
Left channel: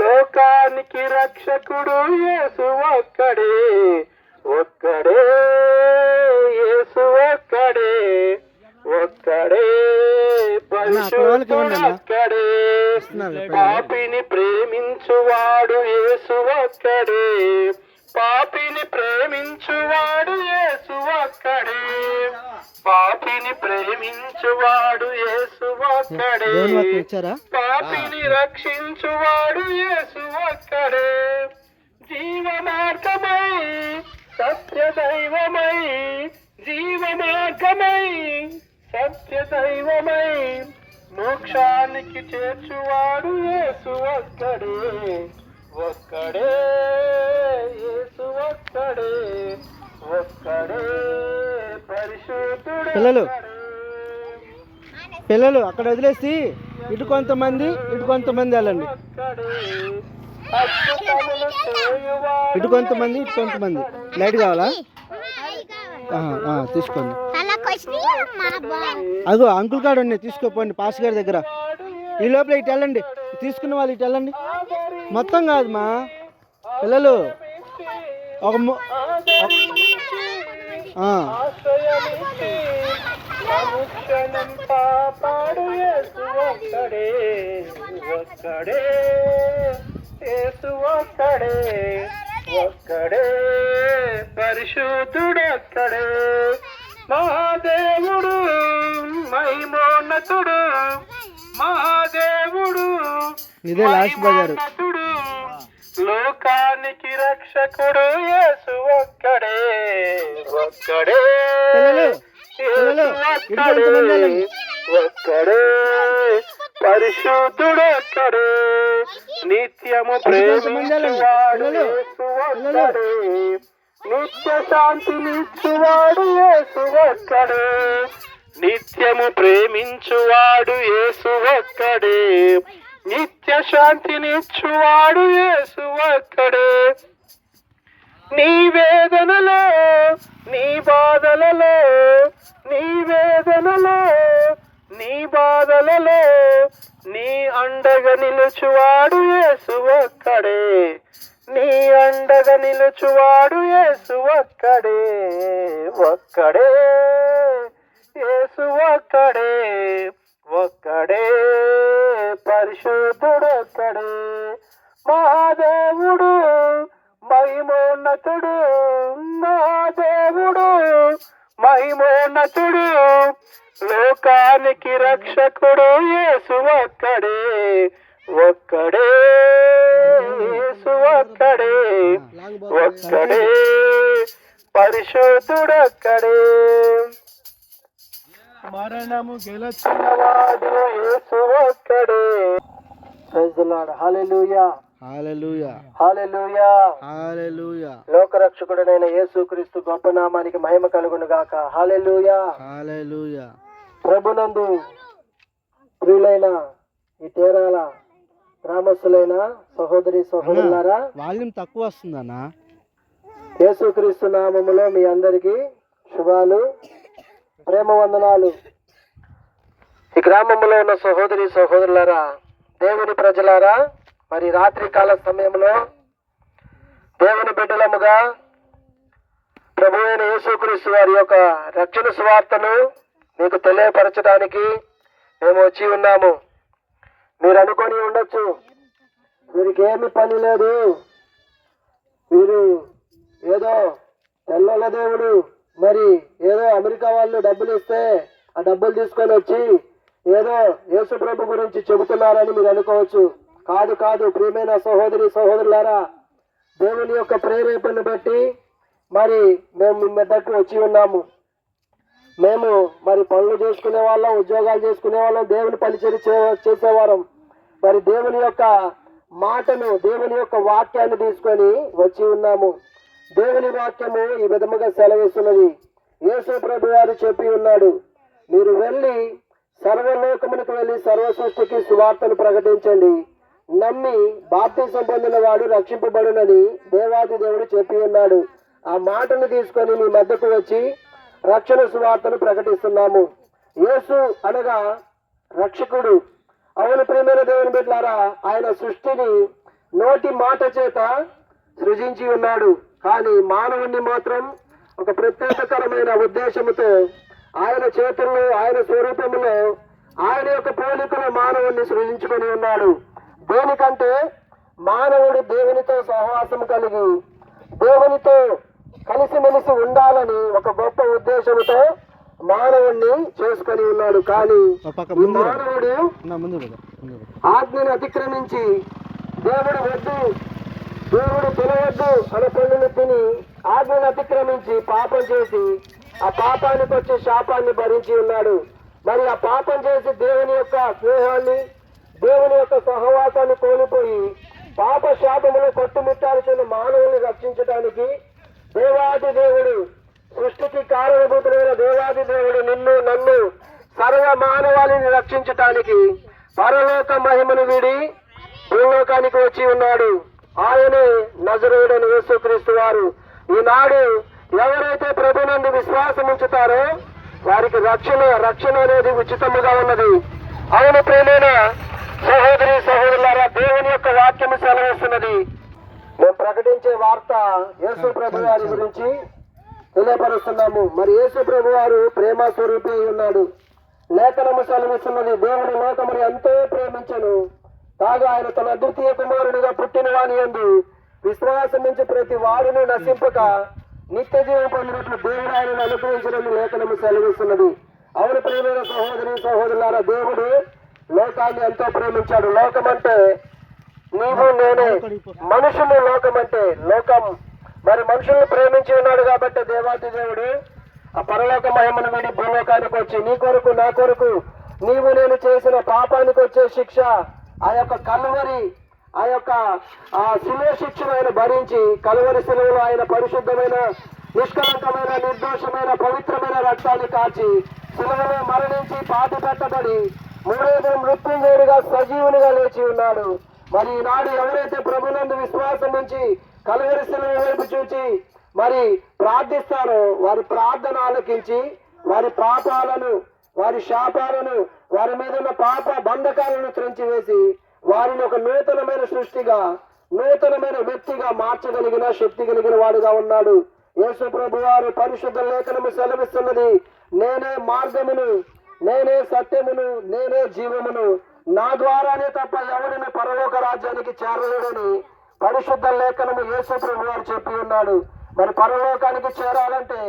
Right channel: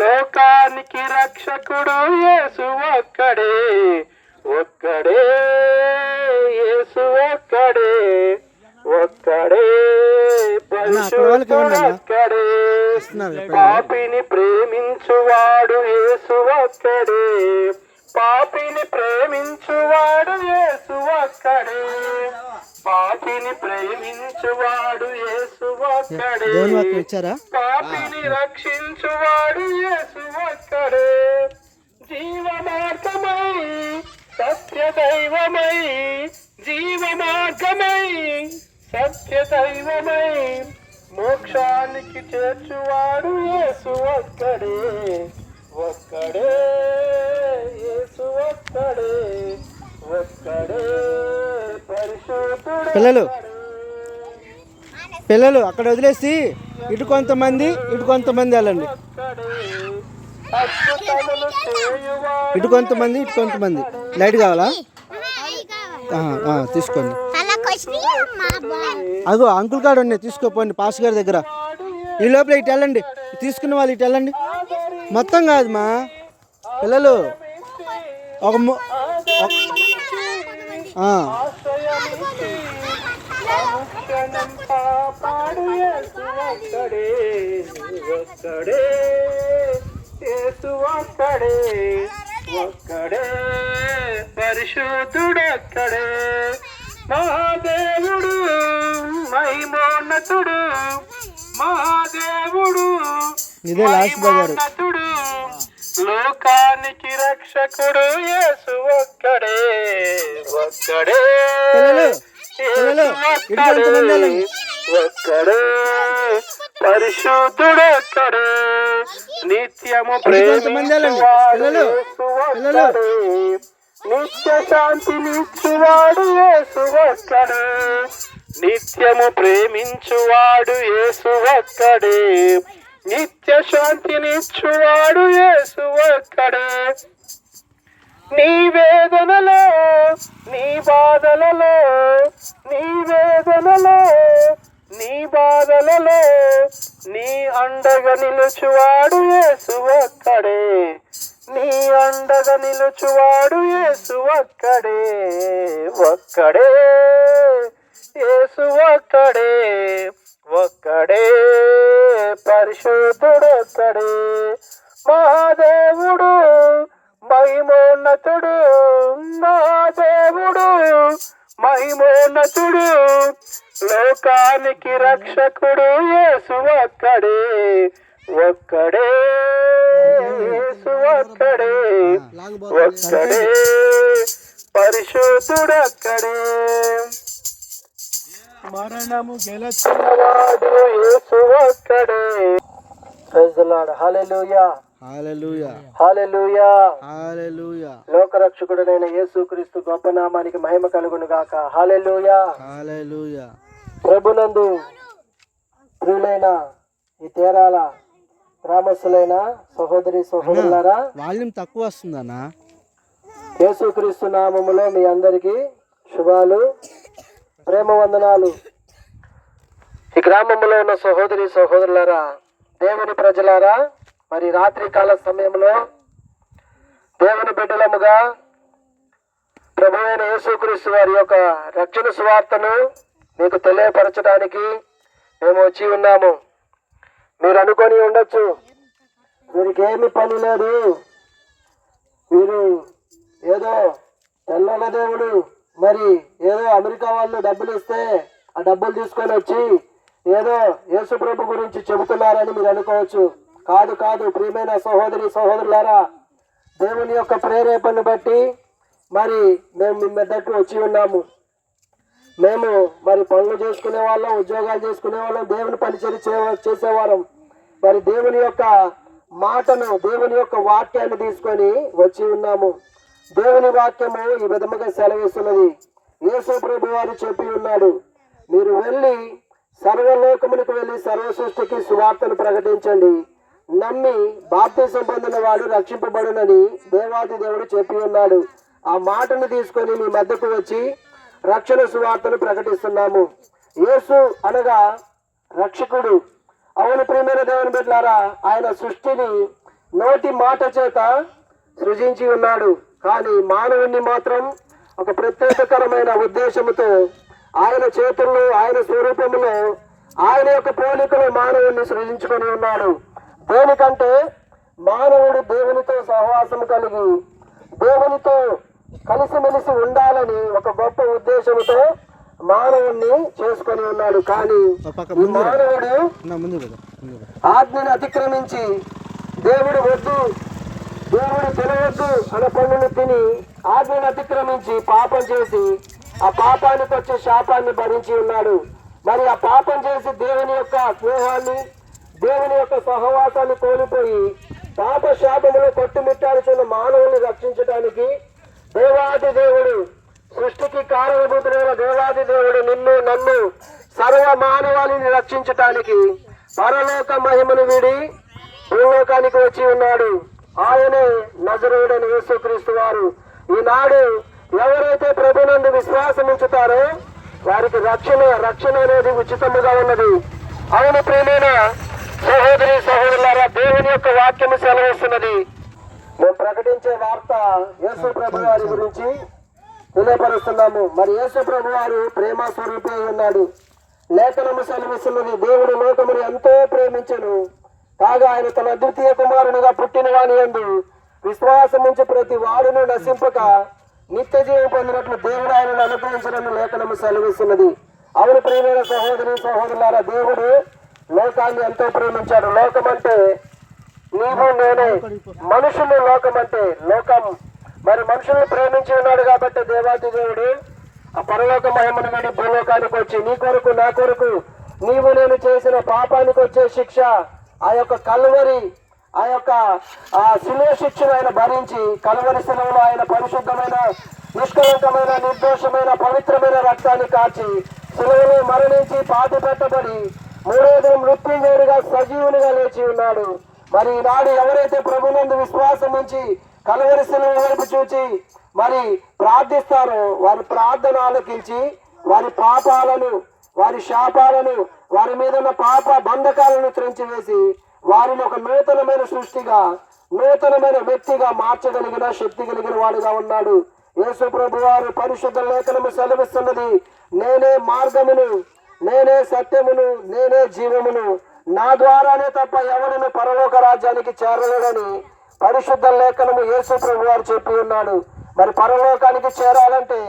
లోకానికి రక్షకుడు యేసు ఒక్కడే, ఒక్కడే యేసు ఒక్కడే, ఒక్కడే పరిశుద్ధుడొక్కడే, పాపిని ప్రేమించువాడు యేసు ఒక్కడే, పాపిని ప్రేమించువాడు యేసు ఒక్కడే, పాపిని ప్రేమించువాడు యేసు ఒక్కడే, పాపిని రక్షించువాడు యేసు ఒక్కడే, జీవ మార్గమై సత్య దైవమై, జీవ మార్గమై సత్య దైవమై, మోక్షానికి చేర్చువాడు యేసు ఒక్కడే, ఒక్కడే యేసు ఒక్కడే, ఒక్కడే పరిశుద్ధుడు. పిల్లలు అక్కడ వదిలేసి ఇటు కొంతమంది వెళ్ళండి. ఇటు కొంతమంది లైట్ కావాలా? తీసుకోండి. అగో అంకుల్ కార్డు ఉన్నాయి, తీసుకోపోండి పాస్ గారి దగ్గర. ఈ లోపల ఇటు వెళ్ళండి, తీసుకున్న వాళ్ళు ఇటు వెళ్ళండి. మొత్తం కాదు మా పిల్లలు, ఒక ఒక్కడే పరిశుద్ధుడొక్కడే, మహాదేవుడు మహిమోన్నతుడు, మహాదేవుడు ఇదే లాస్ట్ బజారు, లోకానికి రక్షకుడు యేసు ఒక్కడే, ఒక్కడే పిల్లలు ఇటు కొంతమంది వెళ్ళండి. ఒక్కడే పరిశుద్ధుడొక్కడే నిత్యము కొంతమంది వెళ్ళండి. పిల్లలు, పిల్లలు. నిత్య శాంతినిచ్చువాడు యేసు ఒక్కడే నిత్యము ప్రేమించువాడు యేసు ఒక్కడే నిత్య శాంతినిచ్చువాడు యేసు ఒక్కడే నీ వేదనలో నీ బాధలలో నీ వేదనలో నీ బాధలలో నీ అండగా నిలుచువాడు యేసు ఒక్కడే నీ అండగా నిలుచువాడు యేసు ఒక్కడే ఒక్కడే యేసు ఒక్కడే ఒక్కడే పరిశుద్ధుడొక్కడే మహాదేవుడు మహిమోన్నతుడు మహాదేవుడు మహిమోన్నతుడు లోకానికి రక్షకుడు యేసు ఒక్కడే ఒక్కడే యేసు ఒక్కడే ఒక్కడే పరిశుద్ధుడొక్కడే మరణము గెలుచున్నవాడు యేసు ఒక్కడే ప్రైజ్ ది లార్డ్ హల్లెలూయా హల్లెలూయా హల్లెలూయా హల్లెలూయా. లోకరక్షకుడైన యేసుక్రీస్తు గొప్ప నామానికి మహిమ కలుగును గాక హల్లెలూయా హల్లెలూయా. ప్రభునందు ప్రియులైన ఈ తేరాల గ్రామస్తులైన సహోదరి సహోదరులారా, వాల్యూమ్ తక్కువ వస్తుందన్నా. యేసుక్రీస్తు నామములో మీ అందరికీ శుభాలు, ప్రేమ వందనాలు. ఈ గ్రామంలో ఉన్న సహోదరి సహోదరులారా, దేవుని ప్రజలారా, మరి రాత్రి కాల సమయంలో దేవుని బిడ్డలముగా ప్రభు అయిన యేసుక్రీస్తు వారి యొక్క రక్షణ సువార్తను మీకు తెలియపరచడానికి మేము వచ్చి ఉన్నాము. మీరు అనుకొని ఉండొచ్చు, వీరికేమి పని లేదు, వీరు ఏదో తెల్లల దేవుడు, మరి ఏదో అమెరికా వాళ్ళు డబ్బులు ఇస్తే ఆ డబ్బులు తీసుకొని వచ్చి ఏదో యేసు ప్రభు గురించి చెబుతున్నారని మీరు అనుకోవచ్చు. కాదు కాదు ప్రియమైన సహోదరి సహోదరులారా, దేవుని యొక్క ప్రేరేపణను బట్టి మరి మేము మీ మెద్దకు వచ్చి ఉన్నాము. మేము మరి పనులు చేసుకునే వాళ్ళం, ఉద్యోగాలు చేసుకునే వాళ్ళం, దేవుని పరిచర్య చేసేవారం. మరి దేవుని యొక్క మాటను, దేవుని యొక్క వాక్యాన్ని తీసుకొని వచ్చి ఉన్నాము. దేవుని వాక్యము ఈ విధముగా సెలవిస్తున్నది. యేసు ప్రభు వారు చెప్పి ఉన్నాడు, మీరు వెళ్ళి సర్వలోకమునకు వెళ్ళి సర్వ సృష్టికి సువార్తను ప్రకటించండి, నమ్మి బాప్తిసం పొందిన వాడు రక్షింపబడునని దేవాది దేవుడు చెప్పి ఉన్నాడు. ఆ మాటను తీసుకొని మీ మధ్యకు వచ్చి రక్షణ సువార్తను ప్రకటిస్తున్నాము. యేసు అనగా రక్షకుడు. అవును ప్రియమైన దేవుని బిడ్డలారా, ఆయన సృష్టిని నోటి మాట చేత సృజించి ఉన్నాడు. కానీ మానవుణ్ణి మాత్రం ఒక ప్రత్యేకకరమైన ఉద్దేశముతో ఆయన చేతుల్లో, ఆయన స్వరూపంలో, ఆయన యొక్క పోలికలో మానవుణ్ణి సృజించుకొని ఉన్నాడు. దేనికంటే మానవుడు దేవునితో సహవాసం కలిగి దేవునితో కలిసిమెలిసి ఉండాలని ఒక గొప్ప ఉద్దేశంతో మానవుణ్ణి చేసుకొని ఉన్నాడు. కానీ మానవుడు ఆజ్ఞను అతిక్రమించి దేవుడు వద్దు, దేవుడు తినవద్దు అనే పనులు తిని ఆజ్ఞను అతిక్రమించి పాపం చేసి ఆ పాపానికి వచ్చే శాపాన్ని భరించి ఉన్నాడు. మరి ఆ పాపం చేసి దేవుని యొక్క స్నేహాన్ని, దేవుని యొక్క సహవాసాన్ని కోల్పోయి పాప శాపములు కొట్టుమిట్టాల్సిన మానవుని రక్షించడానికి దేవాది దేవుడు, సృష్టికి కారణభూతులైన దేవాది దేవుడు నిన్ను నన్ను సర్వ మానవాళిని రక్షించటానికి పరలోక మహిమను వీడి భూలోకానికి వచ్చి ఉన్నాడు. ఆయనే నజరేయుడైన యేసుక్రీస్తు వారు. ఈనాడు ఎవరైతే ప్రభునందు విశ్వాసం ఉంచుతారో వారికి రక్షణ అనేది ఉచితముగా ఉన్నది. అవును ప్రియమైన సహోదరి సహోదరులారా, దేవుని యొక్క వాక్యము సెలవిస్తున్నది. మేము ప్రకటించే వార్త యేసు ప్రభు వారి గురించి తెలియపరుస్తున్నాము. మరి యేసు ప్రభు వారు ప్రేమ స్వరూపి ఉన్నాడు. లేఖనము సెలవిస్తున్నది, దేవుడు లోకమును ఎంతో ప్రేమించెను, కాగా ఆయన తన అద్వితీయ కుమారునిగా పుట్టిన వాని యందు విశ్వాసం ఉంచి ప్రతి వాడును నశింపక నిత్య జీవం పొందినట్లు దేవుడు ఆయనను అనుగ్రహించడం లేఖనము సెలవిస్తున్నది. అవును ప్రియమైన సహోదరి సహోదరులారా, దేవుడు లోకాన్ని ఎంతో ప్రేమించాడు. లోకం అంటే నీవు నేనే, మనుషులు లోకం అంటే లోకం. మరి మనుషుల్ని ప్రేమించి ఉన్నాడు కాబట్టి దేవాది దేవుడు ఆ పరలోక మహిమను వీడి భూలోకానికి వచ్చి నీ కొరకు నా కొరకు నీవు నేను చేసిన పాపానికి వచ్చే శిక్ష, ఆ యొక్క కలువరి, ఆ యొక్క శిలువ శిక్షను ఆయన భరించి కలువరి శిలువలో ఆయన పరిశుద్ధమైన, నిష్కలంకమైన, నిర్దోషమైన, పవిత్రమైన రక్తాన్ని కాచి శిలువలో మరణించి పాతి పెట్టబడి మూడో దినం మృత్యుంజయుడిగా సజీవునిగా లేచి ఉన్నాడు. మరి ఈనాడు ఎవరైతే ప్రభునందు విశ్వాసం ఉంచి కలువరి శిలువ వైపు చూచి మరి ప్రార్థిస్తారో వారి ప్రార్థన ఆలకించి వారి పాపాలను, వారి శాపాలను, వారి మీద ఉన్న పాప బంధకాలను త్రెంచివేసి వారిని ఒక నూతనమైన సృష్టిగా, నూతనమైన వ్యక్తిగా మార్చగలిగిన శక్తి కలిగిన వాడుగా ఉన్నాడు. యేసు ప్రభు వారు పరిశుద్ధ లేఖనము సెలవిస్తున్నది, నేనే మార్గమును, నేనే సత్యమును, నేనే జీవమును, నా ద్వారానే తప్ప ఎవరిని పరలోక రాజ్యానికి చేరలేడని పరిశుద్ధ లేఖనము యేసు ప్రభు వారు చెప్పి ఉన్నాడు. మరి పరలోకానికి చేరాలంటే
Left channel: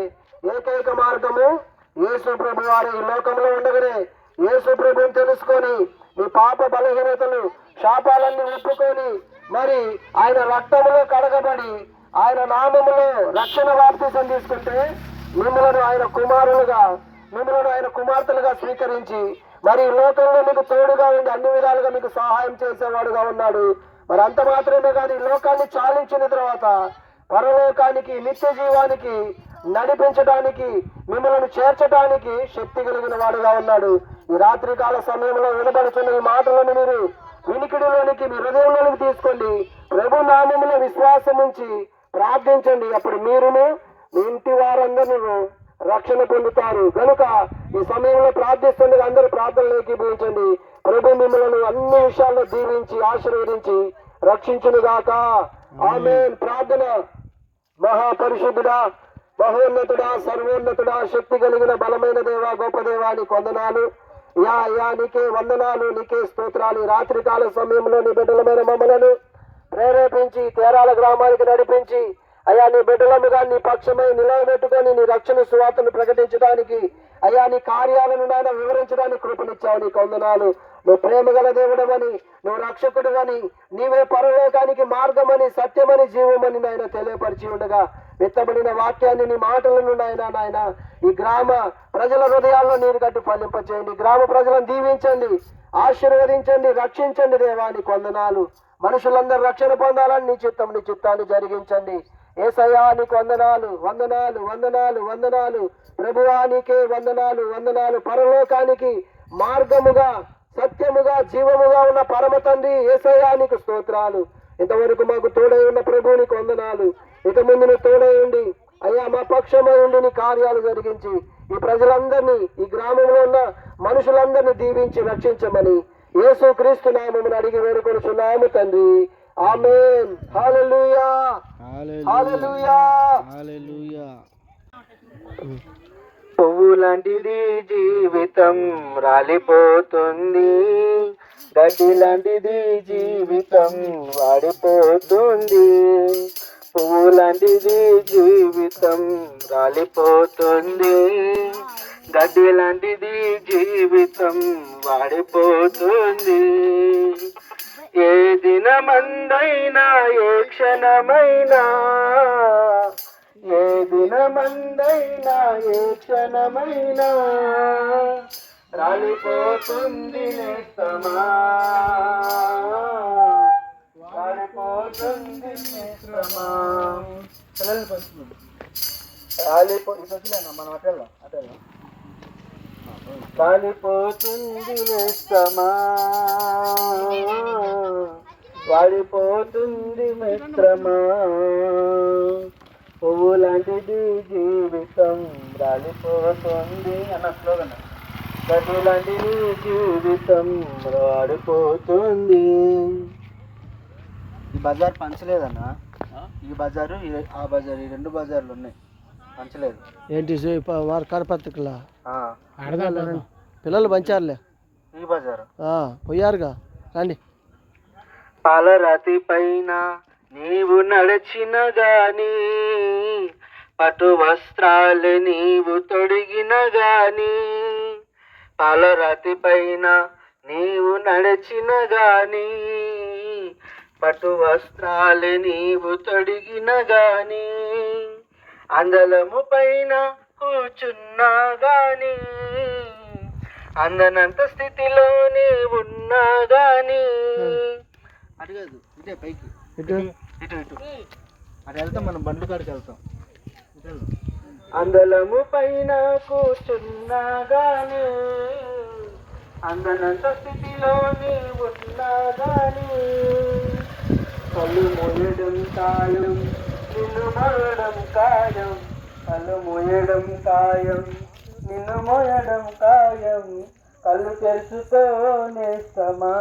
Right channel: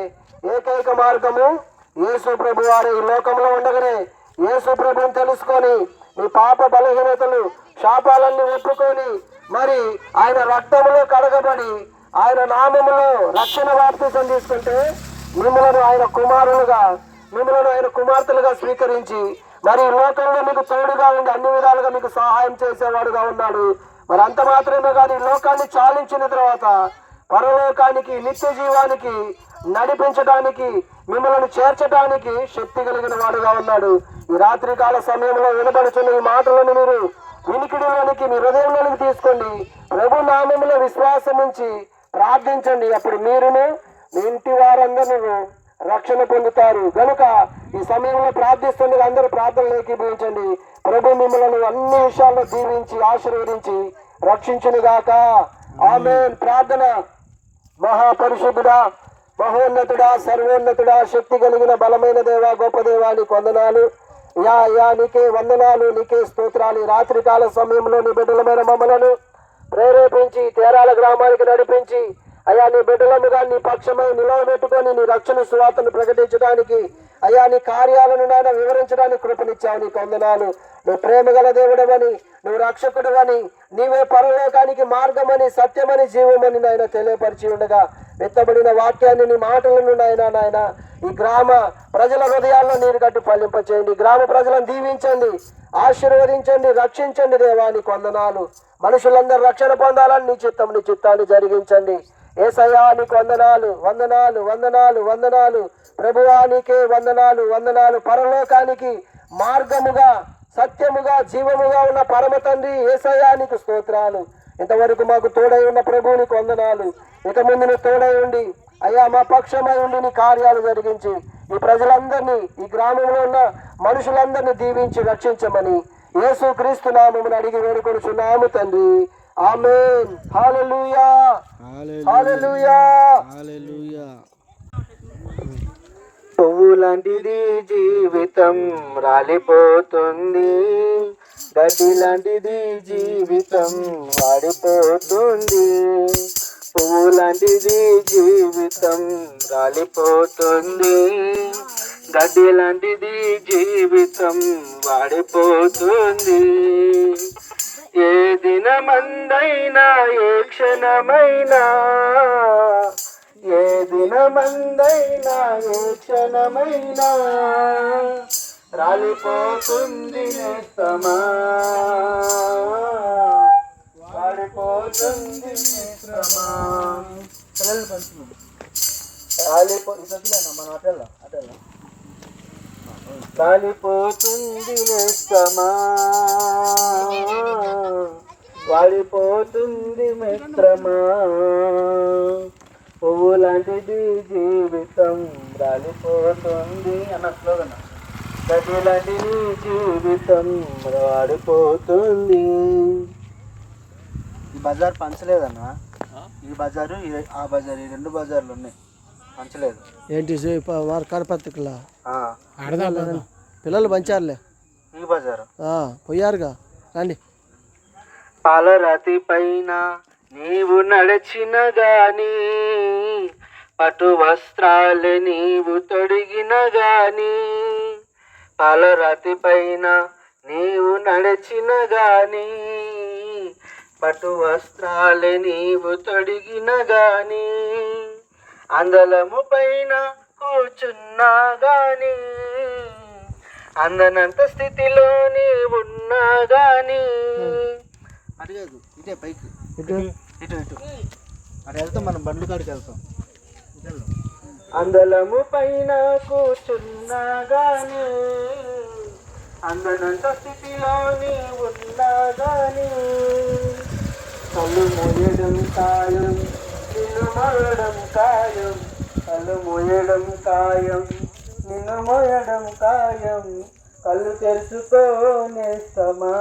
ఏకైక మార్గము యేసు ప్రభు వారు. ఈ లోకంలో ఉండగానే యేసు ప్రభుని తెలుసుకొని మీ పాప బలహీనతలు, శాపాలన్నీ ఒప్పుకొని మరి ఆయన రక్తములో కడగబడి ఆయన నామములో రక్షణ బాప్తిసం తీసుకుంటే మిమ్మల్ని ఆయన కుమారులుగా, మిమ్మల్ని ఆయన కుమార్తెలుగా స్వీకరించి మరి ఈ లోకంలో మీకు తోడుగా ఉండి అన్ని విధాలుగా మీకు సహాయం చేసేవాడుగా ఉన్నాడు. మరి అంత మాత్రమే కాదు, ఈ లోకాన్ని చాలించిన తర్వాత పరలోకానికి, నిత్య జీవానికి నడిపించడానికి, మిమ్మల్ని చేర్చడానికి శక్తి కలిగిన వాడుగా ఉన్నాడు. ఈ రాత్రికాల సమయంలో వినబడుతున్న ఈ మాటలను మీరు వినికిడిలోనికి, మీ హృదయంలోనికి తీసుకోండి. ప్రభు నామములో విశ్వాసం ఉంచి ప్రార్థించండి. అప్పుడు మీరును మీ ఇంటి వారందరూ రక్షణ పొందుతారు. గనుక ఈ సమయంలో ప్రార్థిస్తుండగా అందరూ ప్రార్థనలు ఏకీభవించండి. ప్రభు మిమ్మల్ని అన్ని విషయాల్లో దీవించి ఆశీర్వదించి రక్షించునుగాక. ఆమేన్. ప్రార్థన. మహాపరిశుద్ధుడా, మహోన్నతుడా, సర్వోన్నతుడా, శక్తి కలిగిన బలమైన దేవా, గొప్ప దేవా, నీకు వందనాలు. యా నీకే వందనాలు, నీకే స్తోత్రాలు. రాత్రికాల సమయంలో నీ బిడ్డలమైన మమ్మలను ప్రేరేపించి తేరాల గ్రామానికి నడిపించి అయ్యా నీ బిడ్డలముగా నీ పక్షమై నిలవబెట్టుకొని నీ రక్షణ సువార్తను ప్రకటించడానికి, అయ్యా నీ కార్యాలను నాయన వివరించడానికి కృపనిచ్చావు. నీకు వందనాలు. నువ్వు ప్రేమగల దేవుడవని, నువ్వు రక్షకుడువని, నీవే పరలోకానికి మార్గమని, సత్యమని, జీవమని నాయన తెలియపరిచి ఉండగా విత్తబడిన వాక్యాన్ని, నీ మాటలను నాయన ఈ గ్రామ ప్రజల హృదయాల్లో నీరు కట్టి ఫలింపచేయండి. గ్రామ ప్రజలను దీవించండి, ఆశీర్వదించండి, రక్షించండి. దేవా నీకు వందనాలు. మనుషులందరూ రక్షణ పొందాలని నీ చిత్తాన్ని జరిగించండి. యేసయ్యా నీకు వందనాలు, వందనాలు, వందనాలు, వందనాలు. ప్రభువా నీకే వందనాలు, వందనాలు. పరలోకానికి మార్గముగా, సత్యముగా, జీవముగా ఉన్న పరమ తండ్రి యేసయ్యా నీకు స్తోత్రాలు. ఇంతవరకు మాకు తోడై ఉన్న ప్రభువు నీకు వందనాలు. ఇక ముందు నువ్వు తోడై ఉండి అయ్యా మా పక్షమై ఉండి నీ కార్యాలు జరిగించి ఈ ప్రజలందరినీ, ఈ గ్రామంలో ఉన్న మనుషులందరినీ దీవించి రక్షించమని యేసు క్రీస్తు నామమును అడిగి వేడుకొనుచున్నాము తండ్రి. ఆమేన్. హల్లెలూయా, హల్లెలూయా, హల్లెలూయా. పువ్వు లాంటిది జీవితం రాలిపోతుంది, గడ్డి లాంటిది జీవితం వాడిపోతుంది. పువ్వు లాంటిది జీవితం రాలిపోతుంది, గడ్డి లాంటిది జీవితం వాడిపోతుంది. ఏ దినమందైనా, ఏ క్షణమైనా, ఏ దినమందైనా, ఏ క్షణమైనా రాలిపోతుంది నేస్తమా, రాలిపోతుంది నేస్తమా. రాలిపోతుంది నేస్తమా, వాడిపోతుంది మిత్రమా. పువ్వు లాంటిది జీవితం రాలిపోతుంది అన్న స్లోగన్. గడ్డి లాంటిది జీవితం వాడిపోతుంది. ఈ బజార్ పంచలేదన్నా. ఈ బజారు, ఆ బజారు, ఈ రెండు బజార్లు ఉన్నాయి, పంచలేదు. ఏంటి వారు కరపత్రికలా పిల్లలు పంచారులే. ఈ బజారు పోయారుగా. రండి. పాలరాతి పైన నీవు నడిచిన గాని, పట్టు వస్త్రాలు నీవు తొడిగిన గాని, పాలరాతి పైన నీవు నడిచిన గాని, పట్టు వస్త్రాలు నీవు తొడిగిన గాని, అందలము పైన కూర్చున్నా గాని, అందనంత స్థితిలోనే ఉన్నా గాని అటు కాదు ఇటే పైకి ఇటు ఇటు ఇటు అటు వెళ్తాం మనం బండ్లు కాడికి వెళ్తాం అందలము పైన కూర్చున్నా గాని అందనంత స్థితిలోనే ఉన్నా గాని కళ్ళు మోయడం ఖాయం నిన్ను మోయడం ఖాయం కళ్ళు మోయడం ఖాయం నిన్ను మోయడం ఖాయం కళ్ళు తెరుచుకోనేస్తమా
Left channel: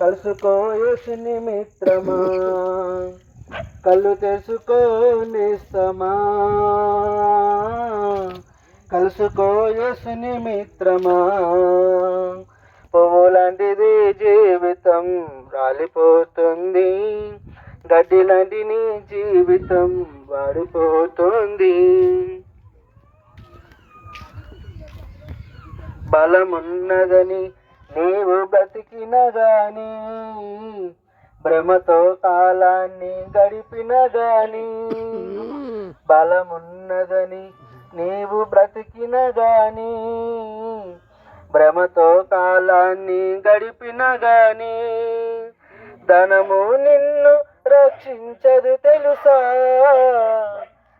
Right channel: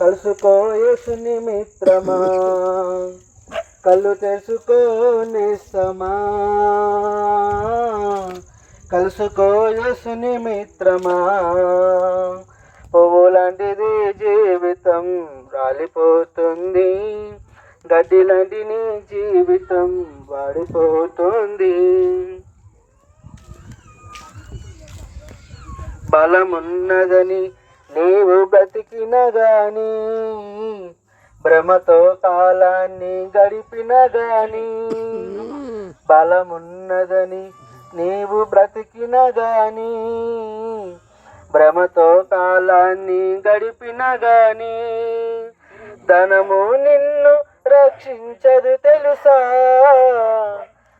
కలుసుకో యేసుని మిత్రమా కళ్ళు తెరుచుకోనేస్తమా కలుసుకో యేసుని మిత్రమా పువ్వు లాంటిది జీవితం రాలిపోతుంది గడ్డి లాంటి నీ జీవితం వాడిపోతుంది బలమున్నదని నీవు బ్రతికిన గాని భ్రమతో కాలాన్ని గడిపిన గాని బలమున్నదని నీవు బ్రతికిన గాని భ్రమతో కాలాన్ని గడిపిన గాని ధనము నిన్ను రక్షించదు తెలుసా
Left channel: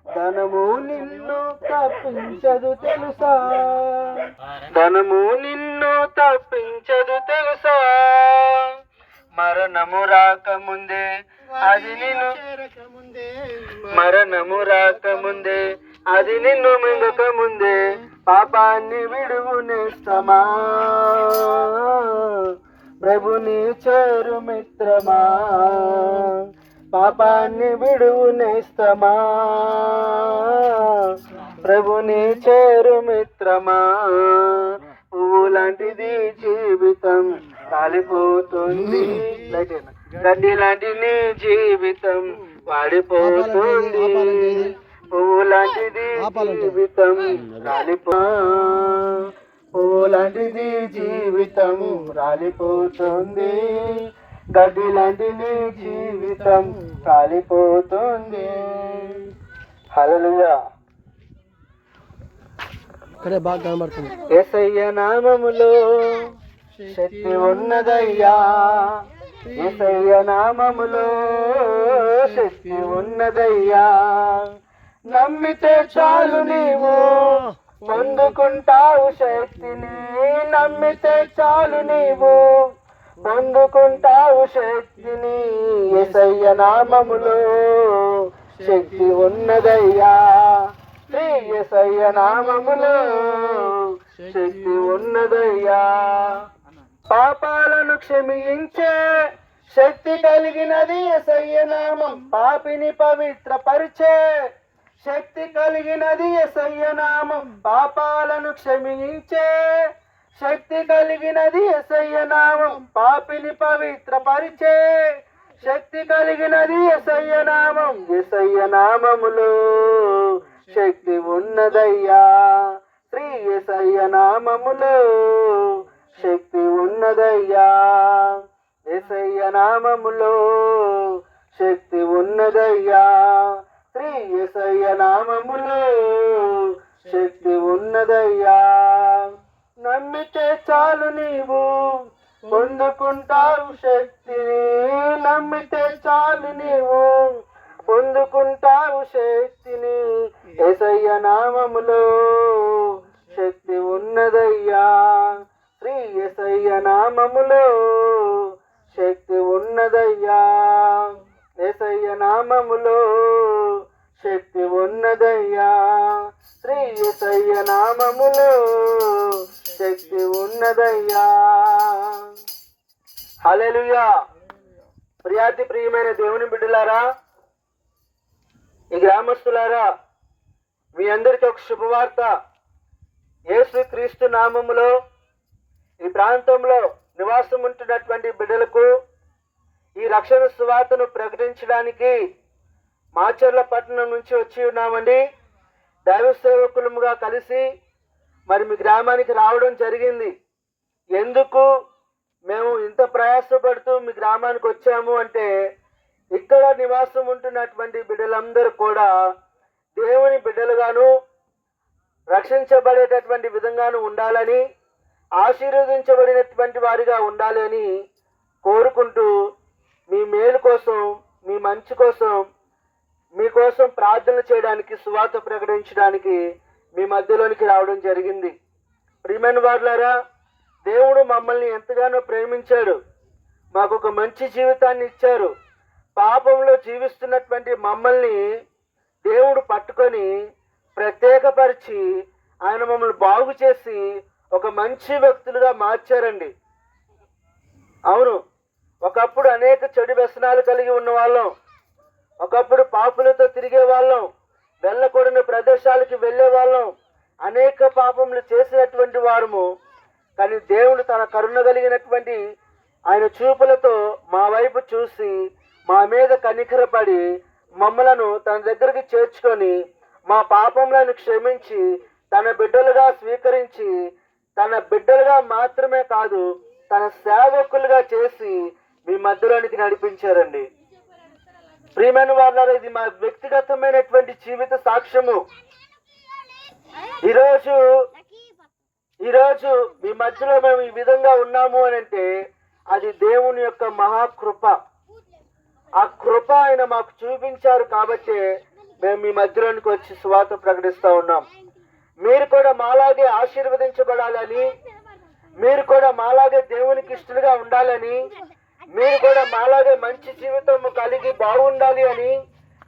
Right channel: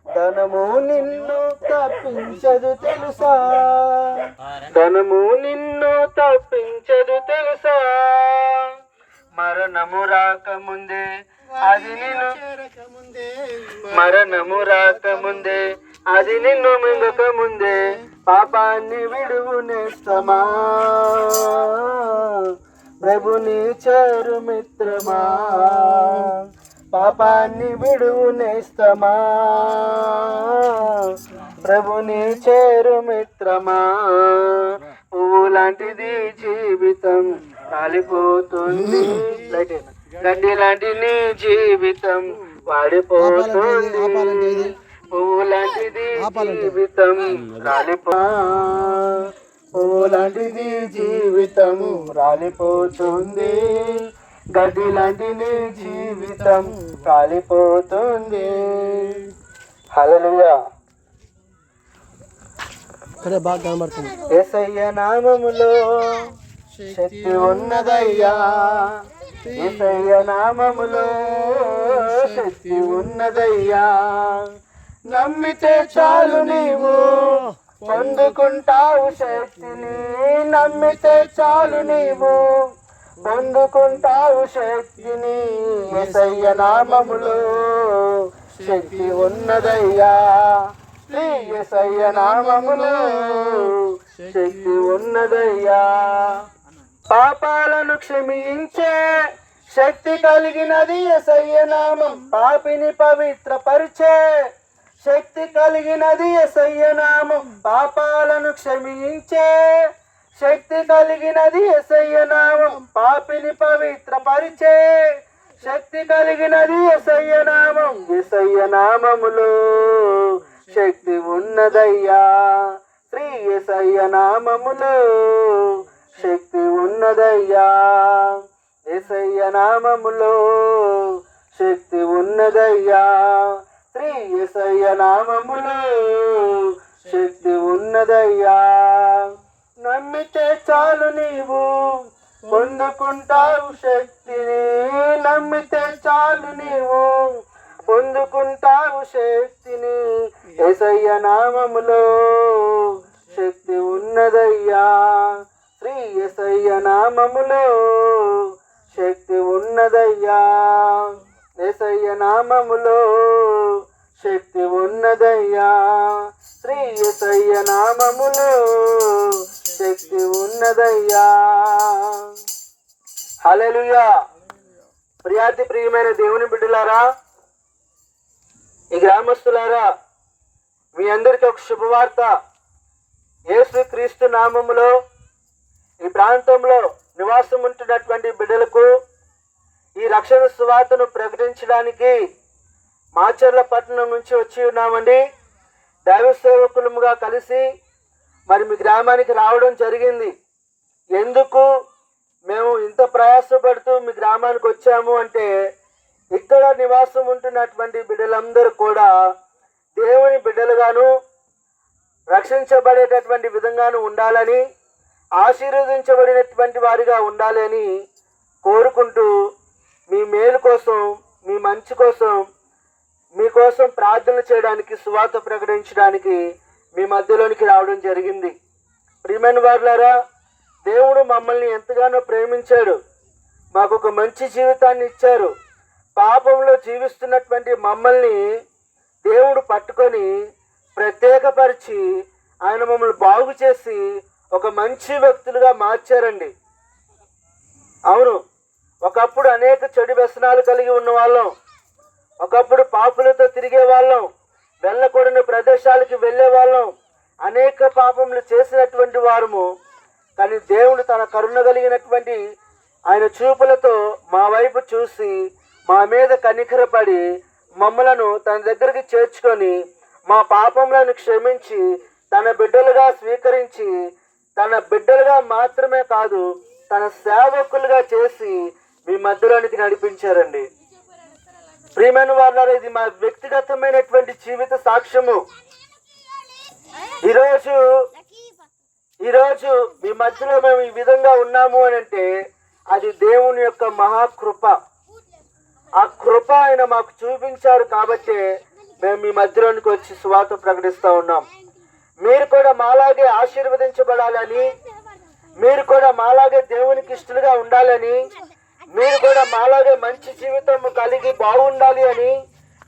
ధనము నిన్ను తప్పించదు తెలుసా ధనము నిన్ను తప్పించదు తెలుసా మరణము రాకముందే అది నిన్ను మరణము రాకముందే అది నిన్ను మింగక ముందే పాపాన్ని విడువునేస్తమా ప్రభుని చేరు మిత్రమా పాపాన్ని విడువునేస్తమా ప్రభుని చేరు మిత్రమా పువ్వు లాంటిది జీవితం కాలిపోతుంది గడ్డి లాంటి నీ జీవితం వాడిపోతుంది పువ్వు లాంటిది జీవితం పువ్వు లాంటిది జీవితం రాలిపోతుంది గడ్డి లాంటి నీ జీవితం కాలిపోతుంది హల్లెలూయా ఇక్కడే బాగా కనబడుతుంది యేసయ్య నామములో శక్తి ఉన్నదయ్యా యేసయ్య నామములో శక్తి ఉన్నదయ్యా నమ్మితే చాలు నీవు పొందుకుంటావు శక్తిని నమ్మితే చాలు నీవు పొందుకుంటావు శక్తిని యేసయ్య నామములో శక్తి ఉన్నదయ్యా యేసయ్య నామములో శక్తి ఉన్నదయ్యా పాపాలను క్షమించే శక్తి కలిగినది యేసయ్య నామం పాపిని పవిత్రపరిచే శక్తి కలిగినది యేసయ్య నామం పాపాలను క్షమించే శక్తి కలిగినది యేసయ్య నామం పాపిని పవిత్రపరిచే శక్తి కలిగినది యేసయ్య నామం యేసయ్య నామములో శక్తి ఉన్నదయ్యా శ్రీ యేసయ్య నామములో శక్తి ఉన్నదయ్యా యేసయ్య నామములో శక్తి ఉన్నదయ్యా శ్రీ యేసయ్య నామములో శక్తి ఉన్నదయ్యా నమ్మితే చాలు నీవు పొందుకుంటావు శక్తిని నమ్మితే చాలు నీవు పొందుకుంటావు శక్తిని యేసయ్య నామములో శక్తి ఉన్నదయ్యా శ్రీ యేసయ్య నామములో శక్తి ఉన్నదయ్యా యేసయ్య నామములో శక్తి ఉన్నదయ్యా శ్రీ యేసయ్య నామములో శక్తి ఉన్నదయ్యా హల్లెలూయా ప్రియాతి ప్రియమైన దేవుని బిడ్డలారా ఈ గ్రామస్తులారా మీ అందరికీ ఒక శుభవార్త యేసు క్రీస్తు నామములో ఈ ప్రాంతంలో నివాసం ఉంటున్నటువంటి బిడ్డలకు ఈ రక్షణ సువార్తను ప్రకటించడానికి మాచర్ల పట్టణం నుంచి వచ్చి ఉన్నామండి దైవ సేవకులముగా కలిసి మరి మీ గ్రామానికి రావడం జరిగింది ఎందుకు మేము ఇంత ప్రయాసపడుతూ మీ గ్రామానికి వచ్చాము అంటే ఇక్కడ నివాసం ఉంటున్నటువంటి బిడ్డలందరూ కూడా దేవుని బిడ్డలుగాను రక్షించబడేటటువంటి విధంగాను ఉండాలని, ఆశీర్వదించబడినటువంటి వారిగా ఉండాలి అని కోరుకుంటూ మీ మేలు కోసం, మీ మంచి కోసం, మీకోసం ప్రార్థన చేయడానికి, సువార్త ప్రకటించడానికి మీ మధ్యలోనికి రావడం జరిగింది. ప్రియమైన వారులారా, దేవుడు మమ్మల్ని ఎంతగానో ప్రేమించాడు. మాకు ఒక మంచి జీవితాన్ని ఇచ్చారు. పాపంలో జీవిస్తున్నటువంటి మమ్మల్ని దేవుడు పట్టుకొని ప్రత్యేకపరిచి ఆయన మమ్మల్ని బాగు చేసి ఒక మంచి వ్యక్తులుగా మార్చారండి. అవును, ఒకప్పుడు అనేక చెడు వ్యసనాలు కలిగి ఉన్న వాళ్ళం, ఒకప్పుడు పాపులతో తిరిగే వాళ్ళం, వెళ్ళకూడని ప్రదేశాలకి వెళ్ళే వాళ్ళం, అనేక పాపములు చేసినటువంటి వారము. కానీ దేవుడు తన కరుణ కలిగినటువంటి ఆయన చూపులతో మా వైపు చూసి మా మీద కనికరపడి మమ్మలను తన దగ్గరికి చేర్చుకొని మా పాపములను క్షమించి తన బిడ్డలుగా స్వీకరించి, తన బిడ్డలుగా మాత్రమే కాదు తన సేవకులుగా చేసి మీ మధ్యలోనికి నడిపించారండి. ప్రియమైన వారులారా, ఇది మా వ్యక్తిగతమైనటువంటి జీవిత సాక్ష్యము. ఈరోజు మీ మధ్యలో మేము ఈ విధంగా ఉన్నాము అని అంటే అది దేవుని యొక్క మహాకృప. ఆ కృప ఆయన మాకు చూపించారు కాబట్టి మేము మీ మధ్యలోనికి వచ్చి సువార్త ప్రకటిస్తూ ఉన్నాం. మీరు కూడా మాలాగే ఆశీర్వదించబడాలని, మీరు కూడా మాలాగే దేవునికి ఇష్టలుగా ఉండాలని, మీరు కూడా మాలాగే మంచి జీవితం కలిగి బాగుండాలి అని,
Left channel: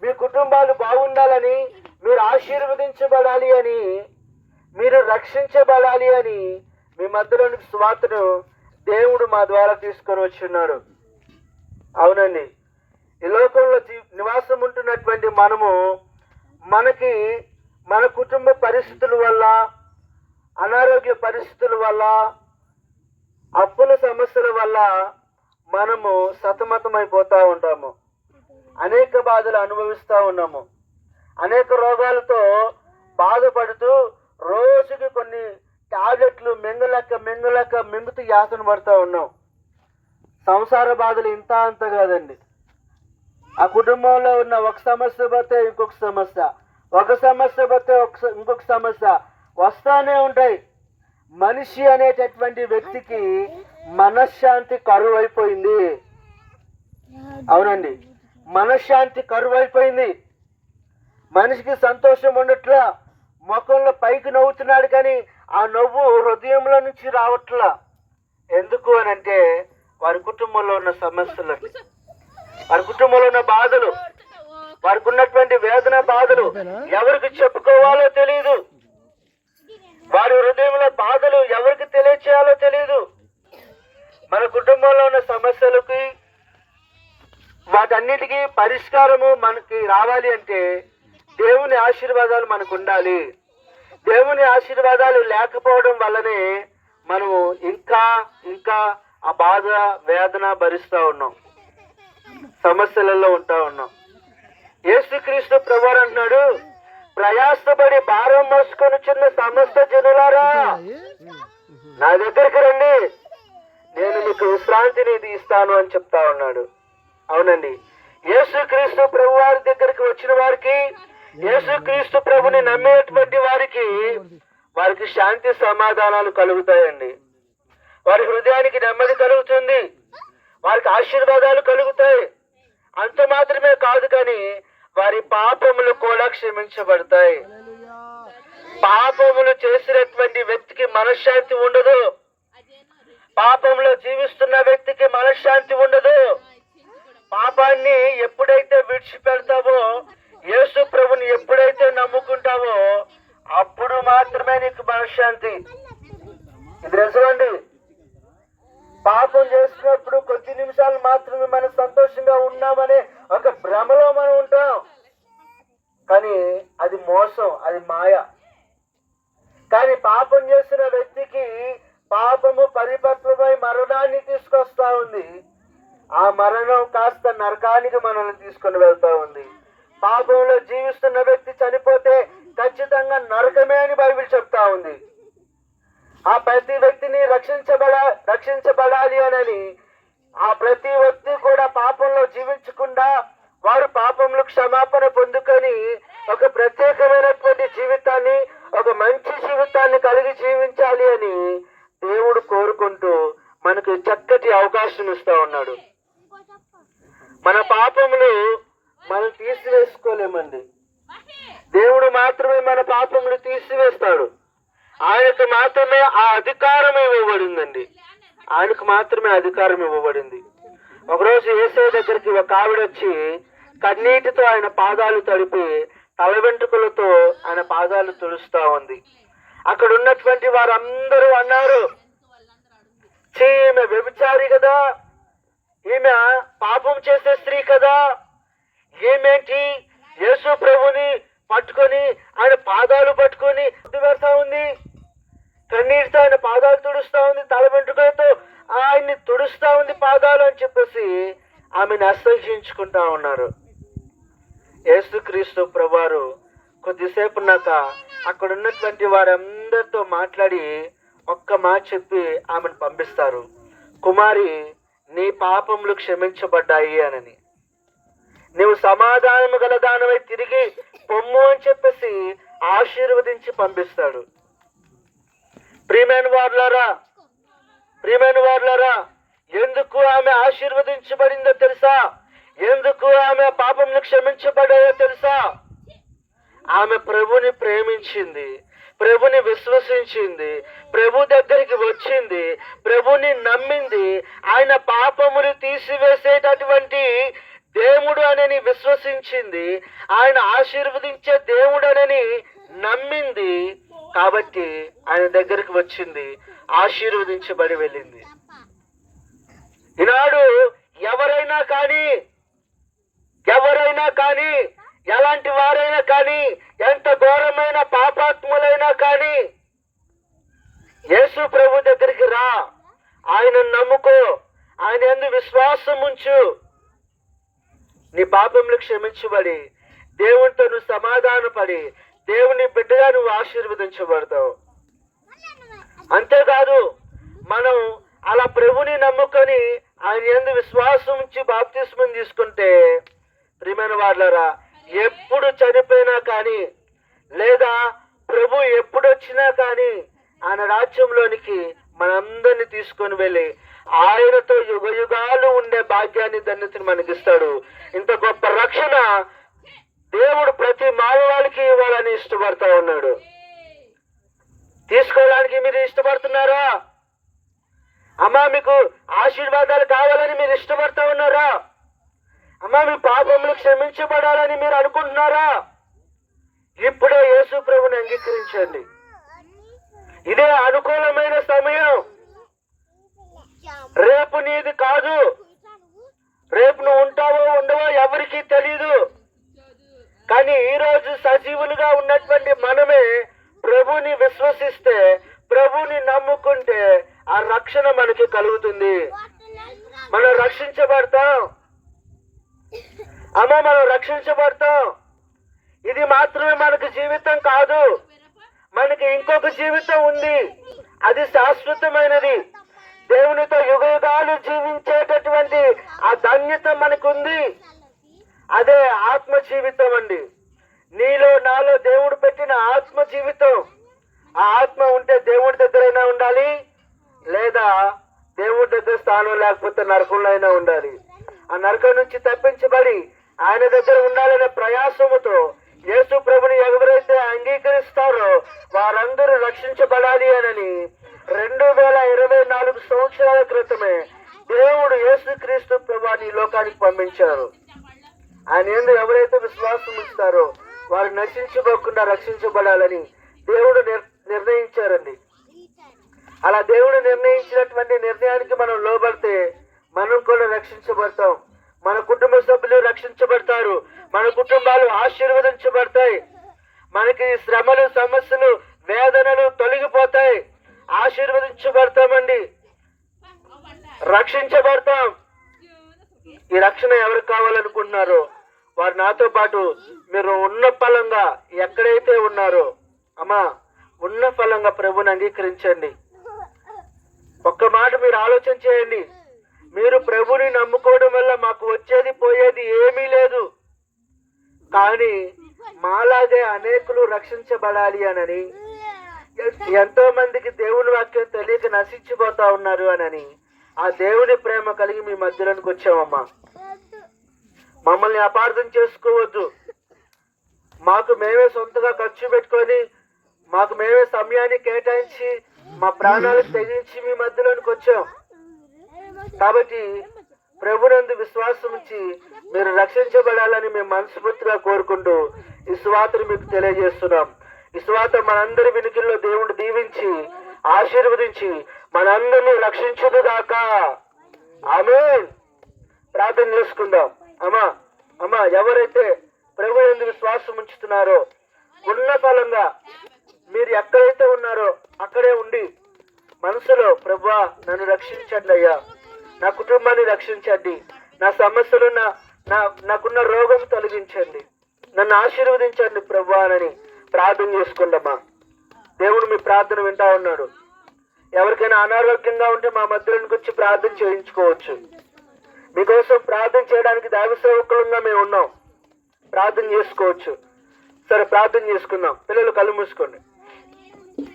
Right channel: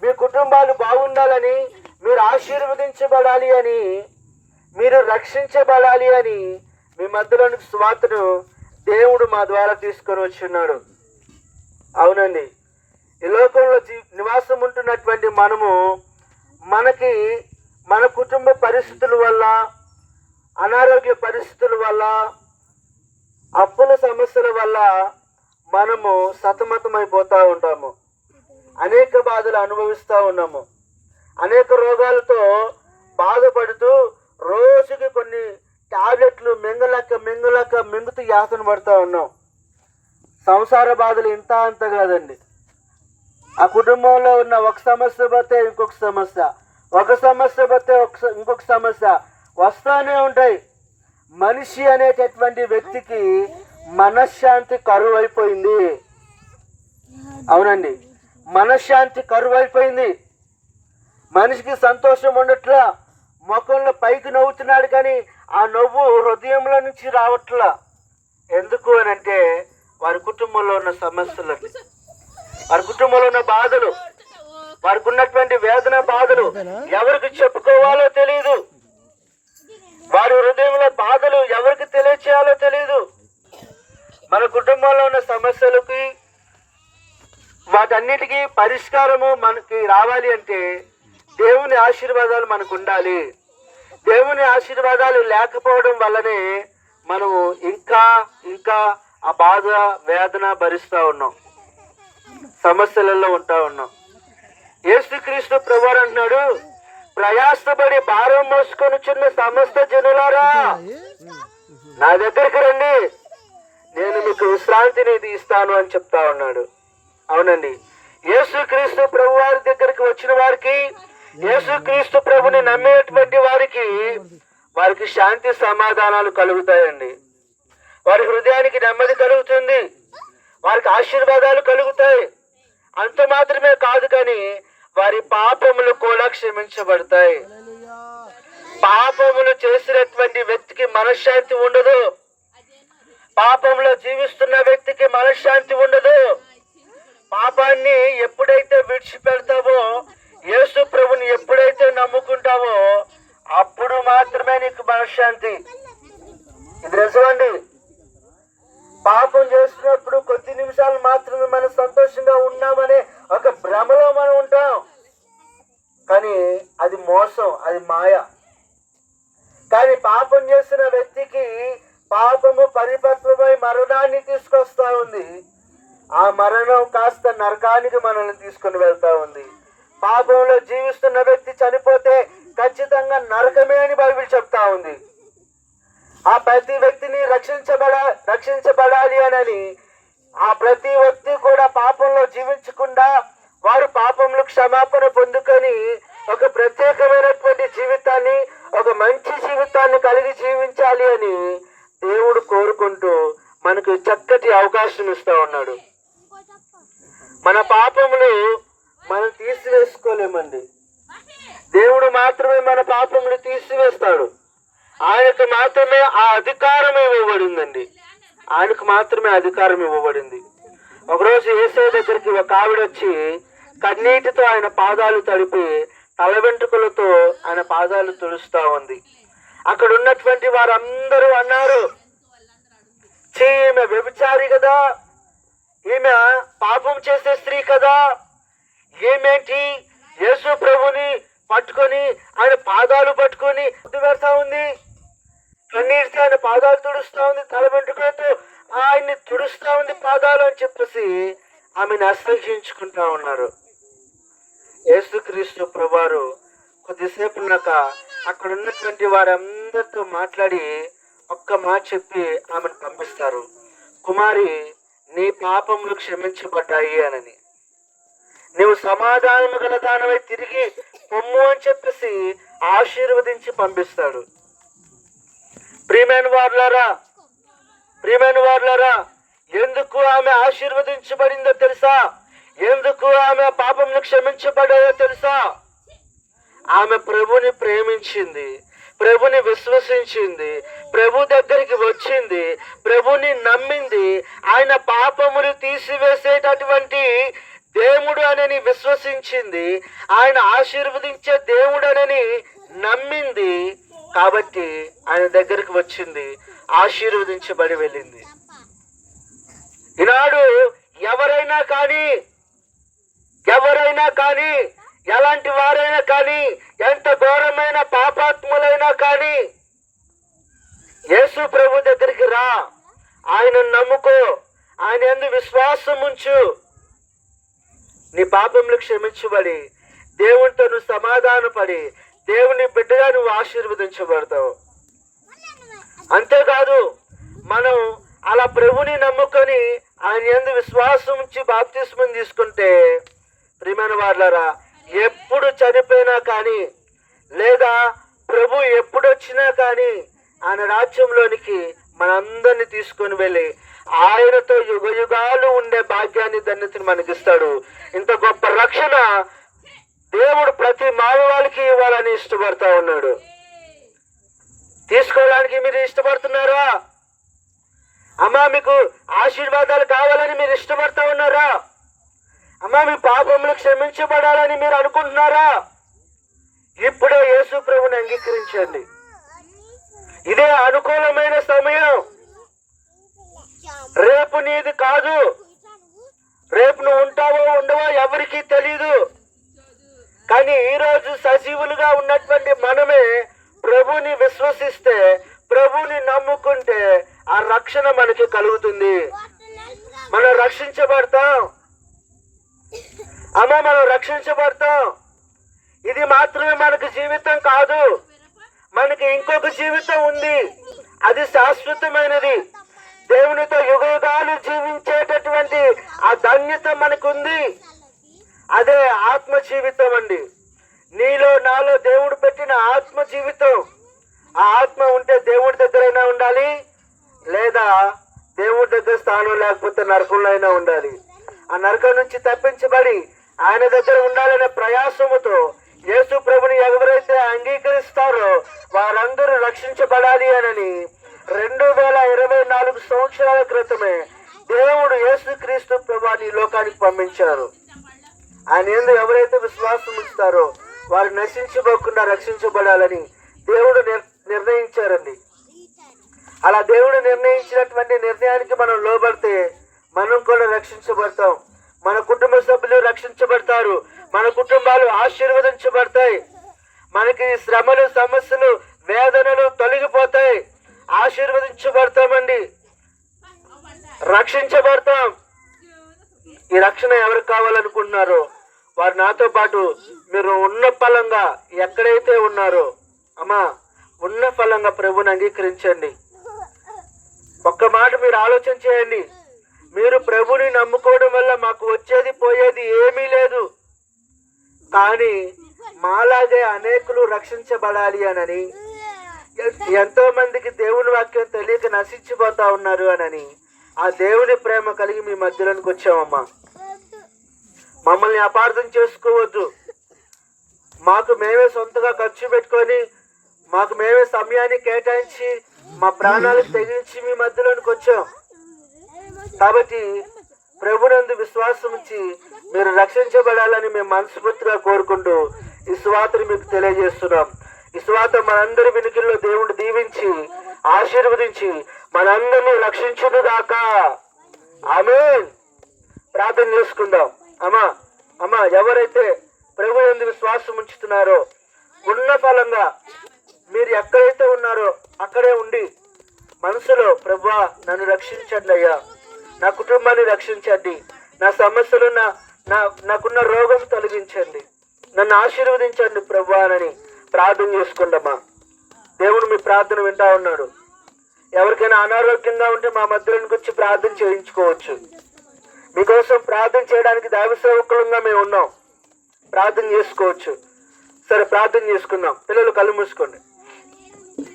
మీ కుటుంబాలు బాగుండాలని, మీరు ఆశీర్వదించబడాలి అని, మీరు రక్షించబడాలి అని మీ మధ్యలోనికి సువార్తను దేవుడు మా ద్వారా తీసుకొని వచ్చున్నాడు. అవునండి, ఈ లోకంలో నివాసం ఉంటున్నటువంటి మనము మన కుటుంబ పరిస్థితుల వల్ల, అనారోగ్య పరిస్థితుల వల్ల, అప్పుల సమస్యల వల్ల మనము సతమతమైపోతూ ఉంటాము. అనేక బాధలు అనుభవిస్తూ ఉన్నాము. అనేక రోగాలతో బాధపడుతూ రోజుకి కొన్ని టాబ్లెట్లు మింగుతూ యాతన పడుతూ ఉన్నాం. సంసార బాధలు ఇంత అంత కాదండి. ఆ కుటుంబంలో ఉన్న ఒక సమస్య పోతే ఇంకొక సమస్య, ఒక సమస్య పోతే ఇంకొక సమస్య వస్తూనే ఉంటాయి. మనిషి అనేటటువంటి వ్యక్తికి మనశ్శాంతి కరువు అయిపోయింది. అవునండి, మనశ్శాంతి కరువు అయిపోయింది. మనిషికి సంతోషం ఉండట్లా, ముఖంలో పైకి నవ్వుతున్నాడు కానీ ఆ నవ్వు హృదయంలో నుంచి రావట్లా. ఎందుకు అని అంటే వారి కుటుంబంలో ఉన్న సమస్యలు, వారి కుటుంబంలో ఉన్న బాధలు, వారికి ఉన్నటువంటి వేదన బాధలు ఎవరికి చెప్పుకోవాలో తెలియదు. వారి హృదయంలో బాధలు ఎవరికి తెలియచేయాలో తెలియదు. మన కుటుంబంలో ఉన్న సమస్యలకి వాటన్నిటికీ పరిష్కారము మనకి రావాలి అంటే దేవుని ఆశీర్వాదాలు మనకు ఉండాలి. దేవుని ఆశీర్వాదాలు లేకపోవడం వల్లనే మనము ఇంకా ఆ బాధ వేదన భరిస్తూ ఉన్నాం, సమస్యలలో ఉంటా ఉన్నాం. యేసుక్రీస్తు ప్రభువారు అంటున్నాడు, ప్రయాసపడి భారం మోసుకొని చిన్న సమస్త జనులారా నా దగ్గరికి రండి, నేను మీకు విశ్రాంతిని ఇస్తాను అని చెప్తా ఉన్నాడు. అవునండి, యేసుక్రీస్తు ప్రభు వారి దగ్గరికి వచ్చిన వారికి, యేసుక్రీస్తు ప్రభుని నమ్మేటువంటి వారికి శాంతి సమాధానాలు కలుగుతాయండి. వారి హృదయానికి నెమ్మది కలుగుతుంది, వారికి ఆశీర్వాదాలు కలుగుతాయి. అంత మాత్రమే కాదు కానీ వారి పాపములు కూడా క్షమించబడతాయి. పాపములు చేసినటువంటి వ్యక్తికి మనశ్శాంతి ఉండదు. పాపంలో జీవిస్తున్న వ్యక్తికి మనశ్శాంతి ఉండదు. పాపాన్ని ఎప్పుడైతే విడిచిపెడతావో, యేసు ప్రభుని ఎప్పుడైతే నమ్ముకుంటావో అప్పుడు మాత్రమే నీకు మనశ్శాంతి. ఇది నిజమండి. పాపం చేస్తున్నప్పుడు కొద్ది నిమిషాలు మాత్రమే మనం సంతోషంగా ఉన్నామనే ఒక భ్రమలో మనం ఉంటాం. కానీ అది మోసం, అది మాయ. కానీ పాపం చేసిన వ్యక్తికి పాపము పరిపక్వమై మరణాన్ని తీసుకొస్తా ఉంది. ఆ మరణం కాస్త నరకానికి మనల్ని తీసుకుని వెళ్తా ఉంది. పాపంలో జీవిస్తున్న వ్యక్తి చనిపోతే ఖచ్చితంగా నరకమే అని బైబిల్ చెప్తా ఉంది. ఆ ప్రతి వ్యక్తిని రక్షించబడాలి అని ఆ ప్రతి వ్యక్తి కూడా పాపంలో జీవించకుండా వారు పాపంలో క్షమాపణ పొందుకొని ఒక ప్రత్యేకమైనటువంటి జీవితాన్ని, ఒక మంచి జీవితాన్ని కలిగి జీవించాలి అని దేవుడు కోరుకుంటూ మనకు చక్కటి అవకాశం ఇస్తూ ఉన్నాడు. మన పాపములు మనం తీసివేసుకోలేమండి. దేవుడు మాత్రమే మన పాపములు తీసివేస్తాడు. ఆయనకు మాత్రమే ఆ అధికారం ఇవ్వబడిందండి. ఆయనకు మాత్రమే అధికారం ఇవ్వబడింది. ఒకరోజు యేసయ్య దగ్గరికి ఒక ఆవిడ వచ్చి కన్నీటితో ఆయన పాదాలు తడిపి తల వెంట్రుకలతో ఆయన పాదాలు తుడుస్తూ ఉంది. అక్కడ ఉన్నటువంటి వారందరూ అన్నారు, ఈమె వ్యభిచారి కదా, ఈమె పాపం చేసే స్త్రీ కదా, ఏమేంటి యేసు ప్రభుని పట్టుకొని ఆయన పాదాలు పట్టుకొని పెడతా ఉంది, కన్నీటితో ఆయన పాదాలు తుడుస్తా ఉంది, తల వెంట్రుకలతో ఆయన్ని తుడుస్తా ఉంది పాదాలు అని చెప్పేసి ఆమెను అసహ్యించుకుంటా ఉన్నారు. యేసుక్రీస్తు ప్రభువారు కొద్దిసేపు ఉన్నాక అక్కడ ఉన్నటువంటి వారందరితో మాట్లాడి ఒక్క మాట చెప్పి ఆమెను పంపిస్తారు. కుమారి, నీ పాపములు క్షమించబడ్డాయి అనని, నీవు సమాధానము గల దానవై తిరిగి పొమ్ము అని చెప్పేసి ఆశీర్వదించి పంపిస్తాడు. ప్రియమైన వారులారా, ఎందుకు ఆమె ఆశీర్వదించబడిందో తెలుసా? ఎందుకు ఆమె పాపములు క్షమించబడాయో తెలుసా? ఆమె ప్రభుని ప్రేమించింది, ప్రభుని విశ్వసించింది, ప్రభు దగ్గరికి వచ్చింది, ప్రభుని నమ్మింది, ఆయన పాపములు తీసివేసేటటువంటి దేవుడు అనని విశ్వసించింది, ఆయన ఆశీర్వదించే దేవుడు అనని నమ్మింది. కాబట్టి ఆయన దగ్గరికి వచ్చింది, ఆశీర్వదించబడి వెళ్ళింది. ఈనాడు ఎవరైనా కానీ ఎలాంటి వారైనా కానీ, ఎంత ఘోరమైన పాపాత్ములైనా కానీ యేసు ప్రభు దగ్గరికి రా, ఆయన నమ్ముకో, ఆయన యందు విశ్వాసం ఉంచు, నీ పాపములు క్షమించబడి దేవునితో నువ్వు సమాధానపడి దేవుని బిడ్డగా నువ్వు ఆశీర్వదించబడతావు. అంతేకాదు, మనం అలా ప్రభుని నమ్ముకొని ఆయన యందు విశ్వాసం ఉంచి బాప్తిస్మం తీసుకుంటే, ప్రియమైన వారులారా, ఎప్పుడు చనిపోయినా కానీ లేదా ప్రభు ఎప్పుడు వచ్చినా కానీ ఆయన రాజ్యంలోనికి మనందరినీ తీసుకొని వెళ్ళి ఆయనతో యుగ యుగాలు ఉండే భాగ్యాన్ని ధన్యతను మనకిస్తాడు. ఇంత గొప్ప రక్షణ దేవుడు ప్రతి మానవాళికి ఇవ్వాలని ఇష్టపడతా ఉన్నాడు. తీసుకోవడానికి మీరు ఇష్టపడుతున్నారా? అమ్మా, మీకు ఆశీర్వాదాలు కావాలని మీరు ఇష్టపడతా ఉన్నారా? అమ్మా, మీ పాపములు క్షమించబడాలని మీరు అనుకుంటున్నారా? ఇప్పుడే యేసు ప్రభుని అంగీకరించండి. ఇదే అనుకూలమైన సమయం. రేపు నీది కాదు. రేపు నువ్వు ఉంటావో ఉండవో ఎవరికీ తెలీదు. కానీ ఈరోజు సజీవులుగా ఉన్నటువంటి మనమే ప్రభుని విశ్వసిస్తే, ప్రభుని నమ్ముకుంటే ఆ రక్షణ మనకి కలుగుతుంది. మనం రక్షించబడతాం. అమ్మ, మనం రక్షించబడతాం. ఇది మాత్రమే మనకు జీవితం కాదు, మనకి ఇంకొక జీవితం ఉంది. అది శాశ్వతమైనది. దేవునితో యుగ యుగాలు జీవించేటటువంటి ఆ ధన్యత మనకుంది. అదే ఆత్మ జీవితం అండి. నీలో నాలో దేవుడు పెట్టిన ఆత్మ జీవితం. ఆ ఆత్మ ఉంటే దేవుడి దగ్గరైనా ఉండాలి, లేదా దేవుడి దగ్గర స్థానం లేకపోతే నరకంలో అయినా ఉండాలి. ఆ నరకం నుంచి తప్పించబడి ఆయన దగ్గర ఉండాలనే ప్రయాసముతో యేసు ప్రభుని ఎవరైతే అంగీకరిస్తారో వారందరూ రక్షించబడాలి అని 2024 సంవత్సరాల క్రితమే దేవుడు యేసుక్రీస్తు ప్రభుని ఈ లోకానికి పంపించారు. ఆయన యందు ఎవరైతే విశ్వాసం ఉంచుతారో వారు నశించబోకుండా రక్షించబడాలని దేవుడు నిర్ణయించారండి. అలా దేవుడు నిర్ణయించినటువంటి నిర్ణయానికి మనం లోబడితే మనం కూడా రక్షించబడతాం. మన కుటుంబ సభ్యులు రక్షించబడతారు. మన కుటుంబాలు ఆశీర్వదించబడతాయి. మనకి శ్రమలు, సమస్యలు, వేదనలు తొలగిపోతాయి. ఆశీర్వదించబడతామండి, రక్షించబడతాం. ఈ రక్షణ ఎవరికి కావాలనుకుంటున్నారో వారు నాతో పాటు మీరు ఉన్న ఫలంగా ఎక్కడైతే ఉన్నారో, అమ్మా, ఉన్న ఫలంగా ప్రభుని అంగీకరించండి. ఒక్క మాట మీరు ఆలోచన చేయండి. మీరు ప్రభుని నమ్ముకోవడం వల్ల మాకు వచ్చేది పోయేది ఏమీ లేదు. కానీ మాలాగే అనేకులు రక్షించబడాలి అని, ఎంతో మందికి దేవుని వాక్యం తెలియక నశించిపోతా ఉన్నారు అని ఆ దేవుని ప్రేమ కలిగి మీ మధ్యలోనికి వచ్చామమ్మా. మమ్మల్ని అపార్థం చేసుకోవద్దు. మాకు మేమే సొంతగా ఖర్చు పెట్టుకొని, మాకు మేమే సమయాన్ని కేటాయించి, మా ప్రాణాలు తెగించి మీ మధ్యలోనికి వచ్చాం. కాబట్టి ప్రభునందు విశ్వాసం ఉంచి మీరు రక్షించబడాలని మేము మనస్ఫూర్తిగా కోరుకుంటూ ఈ సువార్తను మీకు తెలియజేస్తున్నాం. ఈ సువార్త మనందరి వినికిల్లో దేవుడు దీవించి ఆశీర్వదించి మనందరినీ రక్షించును గాక. ఆమేన్. ప్రార్థన చేసుకుందాం. అమ్మా ఎవరైతే ప్రభు యందు విశ్వాసం ఉంచుతున్నారో, ఉన్న ఫలంగా మీరు ఎక్కడైతే ఉన్నారో అక్కడే ఉండి మనసులో, ప్రభువా నన్ను రక్షించండి అయ్యా, నా కుటుంబాన్ని రక్షించండి, నా సమస్యలు, నాకున్న రోగం తొలగించండి, నన్ను ఆశీర్వదించండి ప్రభువా అని ప్రార్థన చేసుకుందామా. దేవుడు మీ ప్రార్థన వింటా ఉన్నాడు. ఎవరికైనా అనారోగ్యంగా ఉంటే మా మధ్యలోకి వచ్చి ప్రార్థన చేయించుకోవచ్చు. మీకోసం ప్రార్థన చేయడానికి దైవ సేవకులంగా మేము ఉన్నాం. ప్రార్థన చేసుకోవచ్చు. సరే, ప్రార్థన చేసుకుందాం. పిల్లలు కళ్ళు మూసుకోండి.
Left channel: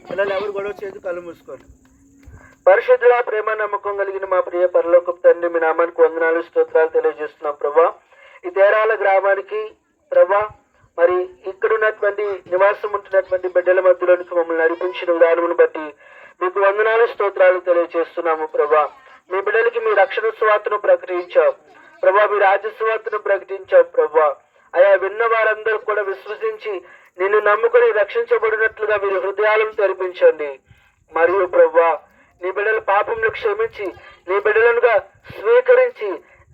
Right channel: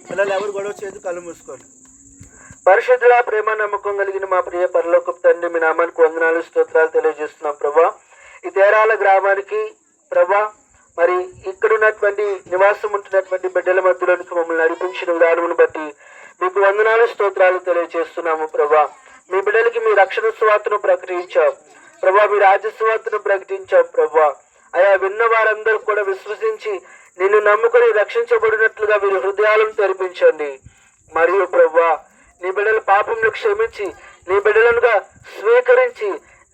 పిల్లలు ఎవరు గొడవ చేయదు, కళ్ళు మూసుకోండి. పరిశుద్ధుల ప్రేమ నమ్మకం కలిగిన మా ప్రియ పరలోకపు తండ్రి, మీ నామానికి వందనాలు స్తోత్రాలు తెలియజేస్తున్నాం ప్రభా. ఈ తేరాల గ్రామానికి ప్రభా, మరి ఇక్కడ ఉన్నటువంటి నివాసం ఉంటున్నటువంటి బిడ్డల మధ్యలోనికి మమ్మల్ని నడిపించిన విధానమును బట్టి మీకు వందనాలు స్తోత్రాలు తెలియజేస్తున్నాము ప్రభా. మీ బిడ్డలకి మీ రక్షణ సువార్తను ప్రకటించాం ప్రభా, మీ రాజ్య సువార్తను ప్రకటించాం ప్రభా. అయా విన్న వారందరూ కూడా విశ్వసించి నిన్ను నమ్ముకొని రక్షించబడినట్లుగా మీరు హృదయాలను తెరిపించండి. మరియు ప్రభా, నీ బిడ్డల పాపంను క్షమించి నీ బిడ్డలుగా స్వీకరించి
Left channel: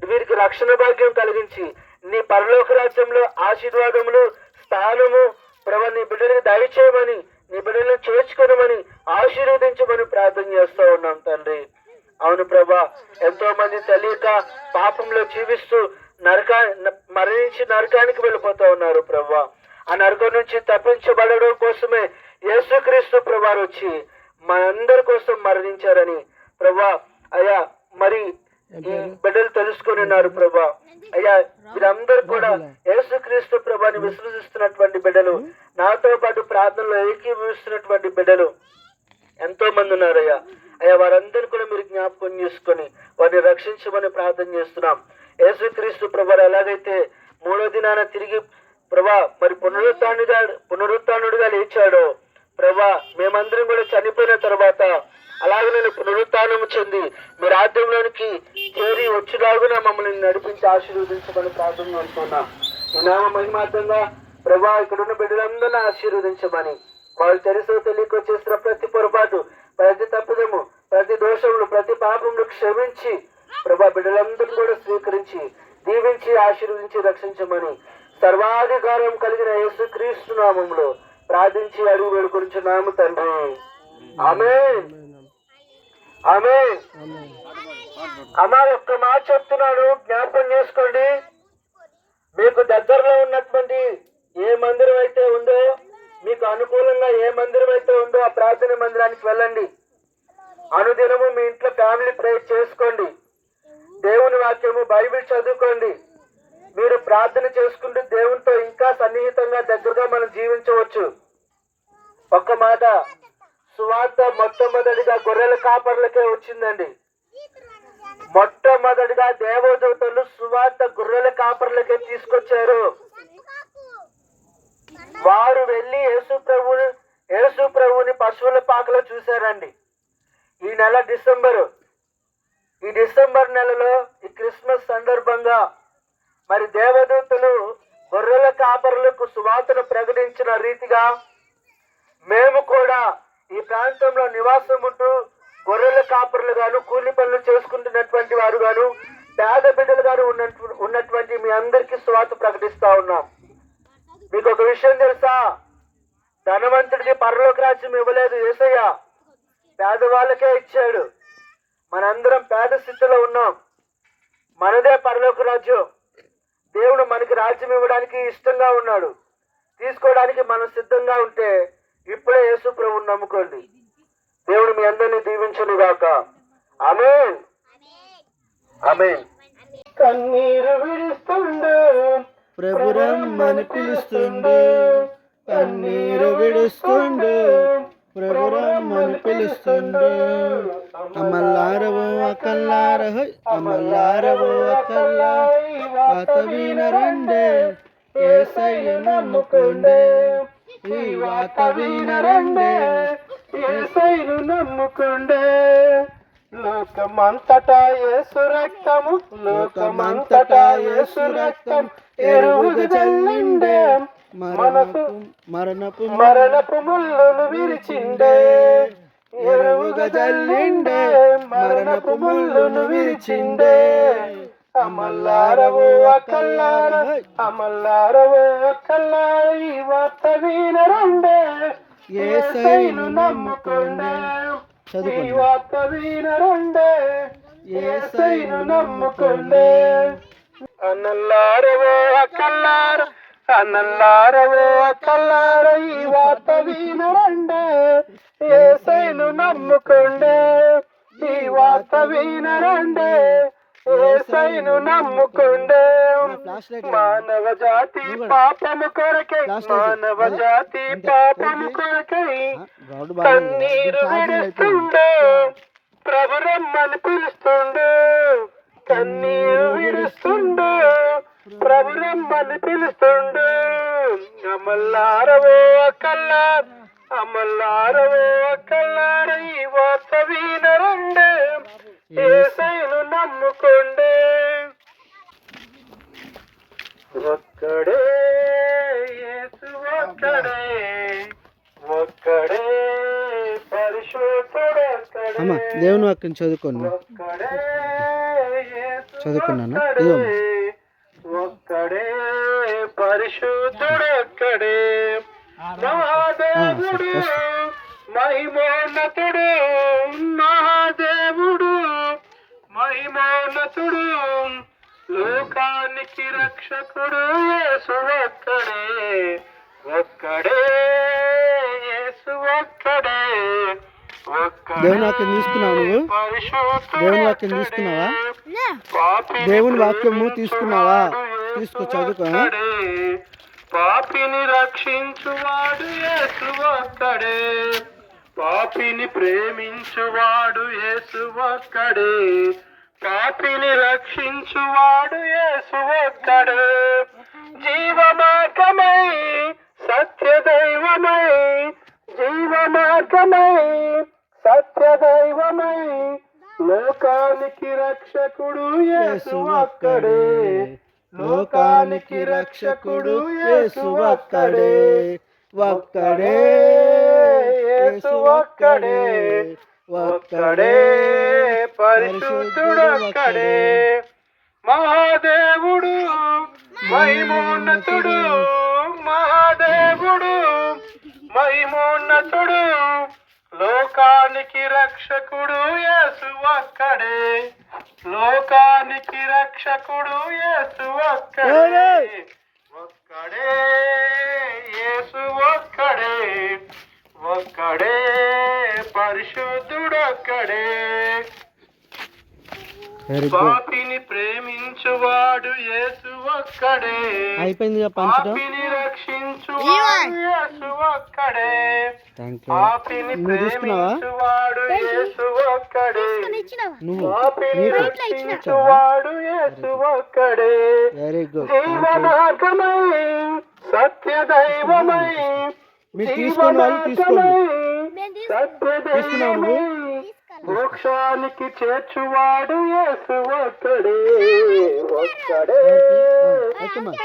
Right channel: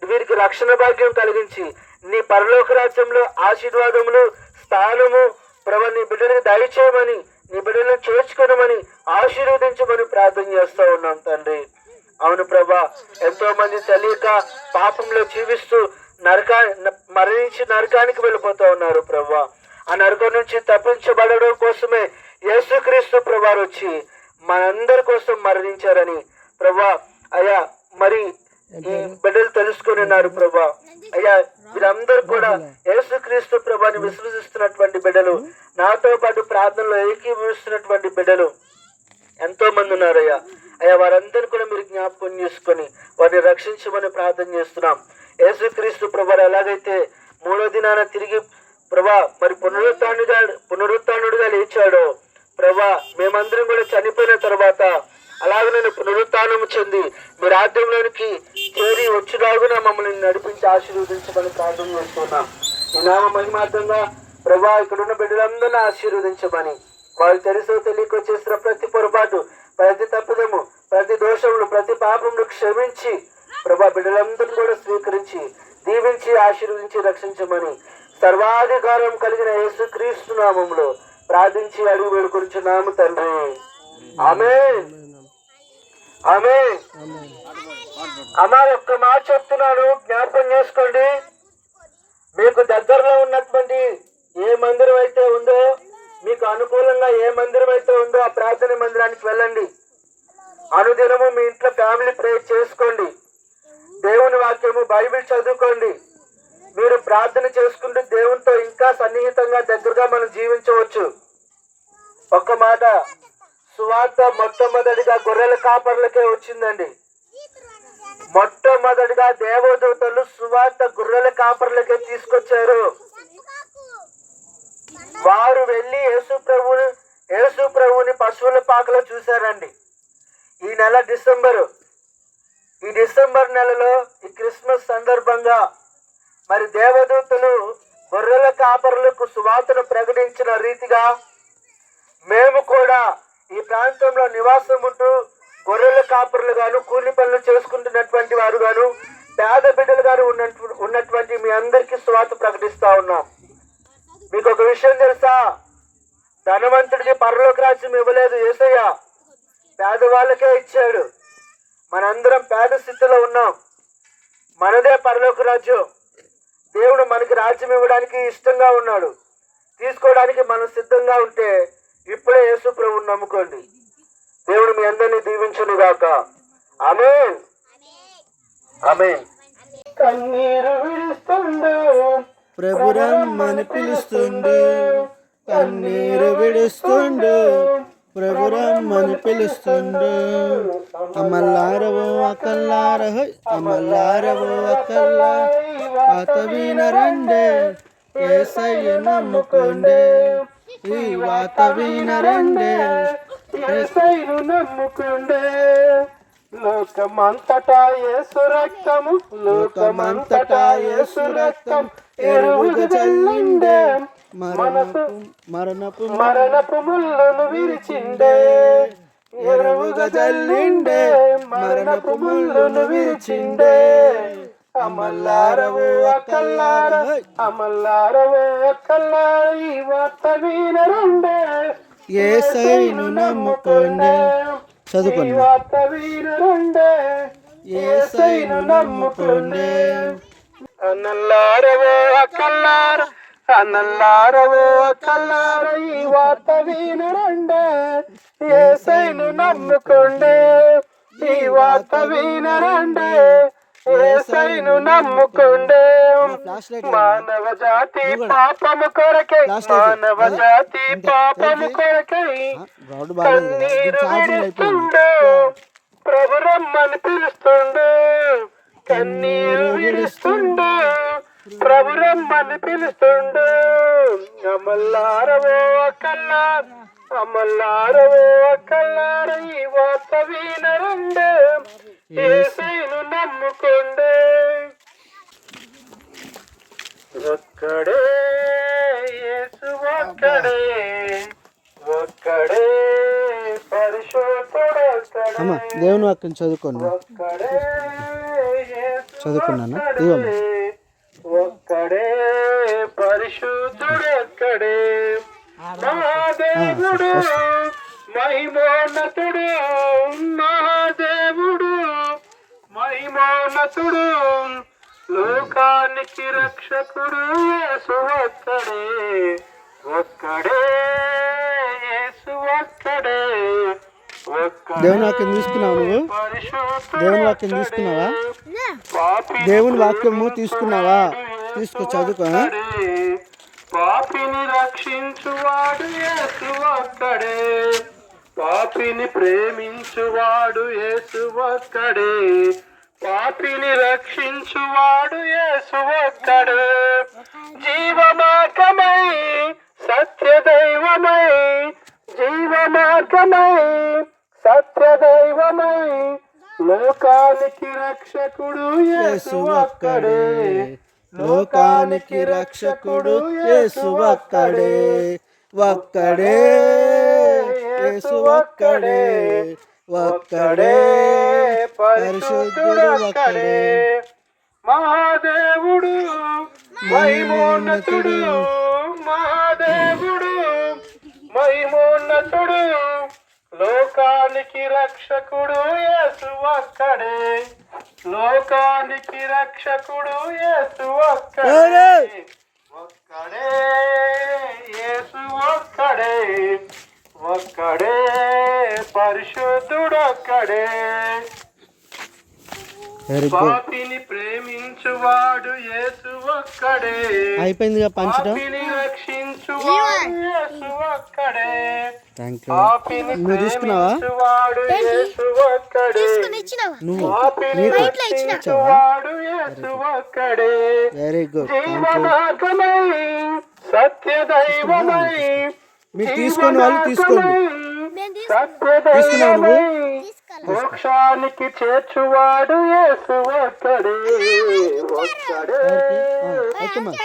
వీరికి రక్షణ భాగ్యం కలిగించి నీ పరలోక రాజ్యంలో ఆశీర్వాదములు, స్థానము ప్రభా నీ బిడ్డలకు దయచేయమని, నీ బిడ్డలను చేర్చుకోనమని, ఆశీర్వదించమని ప్రార్థన చేస్తూ ఉన్నాం తండ్రి. అవును ప్రభా, ఎంతో మంది తెలియక పాపంలో జీవిస్తూ మరణించి నరకానికి వెళ్ళిపోతూ ఉన్నారు ప్రభా. ఆ నరకం నుంచి తప్పించబడడం కోసమే యేసుక్రీస్తు ప్రభువారు వచ్చి మనందరి కోసం మరణించారని ప్రభా. అయ్యా మరి ఈ బిడ్డలు తెలుసుకుని ఉన్నారు ప్రభా. అయ్యా వీరందరూ కూడా యేసుక్రీస్తు ప్రభుని విశ్వసిస్తున్నటువంటి బిడ్డలు, నాతో పాటు ప్రార్థనలో ఏకీభవిస్తున్నటువంటి బిడ్డలు ఎంతో మంది ఉన్నారయ్యా. అయ్యా వారందరూ కూడా మీరు జ్ఞాపకం చేసుకొని వారిని రక్షించమని ప్రార్థన చేస్తున్నాం. యేసుక్రీస్తు ప్రభు ఎలాగైతే 3వ దినాన తిరిగి ప్రభా మరి పునరుత్థానుడిగా లేచాడో ప్రభా, మేమందరం కూడా చనిపోయిన తర్వాత అలాగే నేను పునరుత్థానము చెంది మీ రాజ్యంలోనికి చేరి వచ్చులాగున మమ్మల్ని నడిపించి ఆశీర్వదించమని ప్రార్థన చేస్తున్నాం. ఈ నామ మహిమార్థంగా ప్రభా ఇక్కడున్న బిడ్డలందరినీ ఆశీర్వదించమని, వాళ్ళు తెలుసో తెలియక చేసిన ప్రతి పొరపాటు, ప్రతి తప్పిదము, ప్రతి దోషములు, ప్రతి పాపములు క్షమించి ప్రభా బిడ్డలందరినీ కూడా స్వీకరించి దీవించి ఆశీర్వదించి రక్షించమని సర్వాధికారం కలిగిన యేసుక్రీస్తు నామములో ప్రార్థించి అడుగు వేడుకొంచున్నాము తండ్రి. ఆమేన్. ఆమేన్. అమ్మా ఒక్క మాట చెప్తున్నాను, జ్ఞాపకం చేసుకోండి. మీకు దగ్గరలో ఉన్నటువంటి ఏ మందిరం అయితే ఉందో, మీకు అనుకూలంగా ఏ మందిరం అయితే ఉందో ఆ ప్రార్థన మందిరానికి వెళ్ళండి. అనుదినము మీ ఇంట్లో ఫ్యామిలీ ప్రేయర్ చేసుకోండి. దేవుని వాక్యము బైబిల్ చదువుకోండి. మీరు ప్రార్థన చేసుకుంటూ దేవునితో ఇంకా సన్నిహితంగా దగ్గరగా మనం జీవించవచ్చు. ఒక్క మాట, సువార్త మొట్టమొదటిగా గొర్రెల కాపర్లకే వచ్చిందండి. మొట్టమొదటిగా దేవదూతలు సువార్త గొర్రెల కాపర్లకే తీసుకొచ్చారు. వారు వెళ్ళి యేసు ప్రభువుని పశువుల పాకలో చూశారండి. ఈ నెల ఈ డిసెంబర్ నెలలో ఈ క్రిస్మస్ సందర్భంగా మరి దేవదూతలు గొర్రెల కాపరులకు సువార్తను ప్రకటించిన రీతిగా మేము కూడా ఈ ప్రాంతంలో నివాసం ఉంటూ గొర్రెల కాపరులు గాను, కూలి పనులు చేసుకుంటున్నటువంటి వారు గాను, పేద బిడ్డలు గాను ఉన్నటువంటి మీ అందరికీ సువార్త ప్రకటిస్తా ఉన్నాం. మీకు ఒక విషయం తెలుసా? ధనవంతుడికి పరలోక రాజ్యం ఇవ్వలేదు యేసయ్య, పేదవాళ్ళకే ఇచ్చాడు. మనందరం పేద స్థితిలో ఉన్నాం. మనదే పరలోక రాజ్యం. దేవుడు మనకి రాజ్యం ఇవ్వడానికి ఇష్టంగా ఉన్నాడు. తీసుకోవడానికి మనం సిద్ధంగా ఉంటే ఇప్పుడే యేసు ప్రభువుని నమ్ముకోండి. దేవుడు మీ అందరినీ దీవించును గాక. ఆమేన్. ఆమేన్. కన్నీరు విడుస్తుండు ప్రభురమ్మని పిలుస్తుండు, కన్నీరు విడుస్తుండు, ప్రభురమ్మని పిలుస్తుండు. అమల్లారవో అకల్లారహో, అమల్లారవో అకల్లార, వాత వినరండే, యేసయ్య నమ్ముకోండే, ఈ వాత వినరండే, యేసయ్యను నమ్ముకోండే. లోకమంతటా యేసు రక్తము, లోకమంతటా యేసు రక్తం ఎరువుగా చల్లిండే, మరణపు ముళ్ళును విరిచిండే, ఎరువుగా చల్లిండే, మరణపు ముళ్ళును విరిచిండే. అమల్లారవో అకల్లార, అమల్లారవో అకల్లార, ఈ వార్త వినరండే, యేసయ్యను నమ్ముకోండే. చదువుకోండి. ఈ వార్త వినరండే, యేసయ్యను నమ్ముకోండే. అన్నల్లారవో అకల్లార, అన్నల్లారవో అకల్లార, ఈ వార్త వినరండే, యేసయ్యను నమ్ముకోండే, ఈ వార్త వినరండే, యేసయ్యను నమ్ముకోండే. మానవ జాతి పాపము కొరకై, మానవ జాతి పాపము కొరకై కన్నీరు విడుస్తుండు, ప్రభు రమ్మని పిలుస్తుండు, కన్నీరు విడుస్తుండు, ప్రభు రమ్మని పిలుస్తుండు. అమల్లారవో అకల్లార, అమల్లారవో అకల్లార, ఈ వార్త వినరండే, యేసయ్యను నమ్ముకోండే. ఒక్కడే యేసు, ఒక్కడే, ఒక్కడే పరిశుద్ధుడు, అమ్మ దేవుని వాక్యం చదువుకోండి. ఒక్కడే యేసు, చదువుకున్నాను. ఇదిగో అమ్మ. ఒక్కడే పరిశుద్ధుడు, ఒక్కడే మహాదేవుడు, మహిమోన్నతుడు, మహాదేవుడు మహిమోన్నతుడు, లోకానికి రక్షకుడు యేసు ఒక్కడే, ఒక్కడే యేసు, ఒక్కడే, ఒక్కడే. దేవుని వాక్యం తీసుకున్నావు నువ్వు? దేవుని వాక్యం తీసుకున్నావా? దేవుని వాక్యము తీసుకున్నావా? తీసుకో, చదువుకో. పాపిని రక్షించువాడు యేసు ఒక్కడే, పాపిని ప్రేమించువాడు యేసు ఒక్కడే, పాపిని రక్షించువాడు యేసు ఒక్కడే. జీవమార్గమై, సత్యదైవమై, జీవమార్గమై, సత్యదైవమై, లోకానికి రక్షకుడు యేసు ఒక్కడే, లోకానికి రక్షకుడు యేసు ఒక్కడే, ఒక్కడే యేసు, ఒక్కడే, ఒక్కడే పరిశుద్ధుడు, ఒక్కడే. మహాదేవుడు, మహిమోన్నతుడు, మహాదేవుడు, మహిమోన్నతుడు, లోకానికి రక్షకుడు యేసు ఒక్కడే, లోకానికి రక్షకుడు యేసు ఒక్కడే, ఒక్కడే యేసు, ఒక్కడే, ఒక్కడే పరిశుద్ధుడు, ఒక్కడే. పాపిని ప్రేమించువాడు యేసు ఒక్కడే, అయిపోయిందిగా పంచడం. పాపిని రక్షించువాడు యేసు ఒక్కడే, పాపిని నువ్వు తీసుకున్నావా? ప్రేమించువాడు యేసు ఒక్కడే, నువ్వు పాపిని రక్షించువాడు యేసు ఒక్కడే. Very good. జీవమార్గమై, సత్యదైవమై, మీరు తీసుకోండి, వాళ్ళు తీసుకోండి. తీసుకున్నావు నువ్వు? మోక్షానికి చేర్చువాడు యేసు ఒక్కడే, ఒక్కడే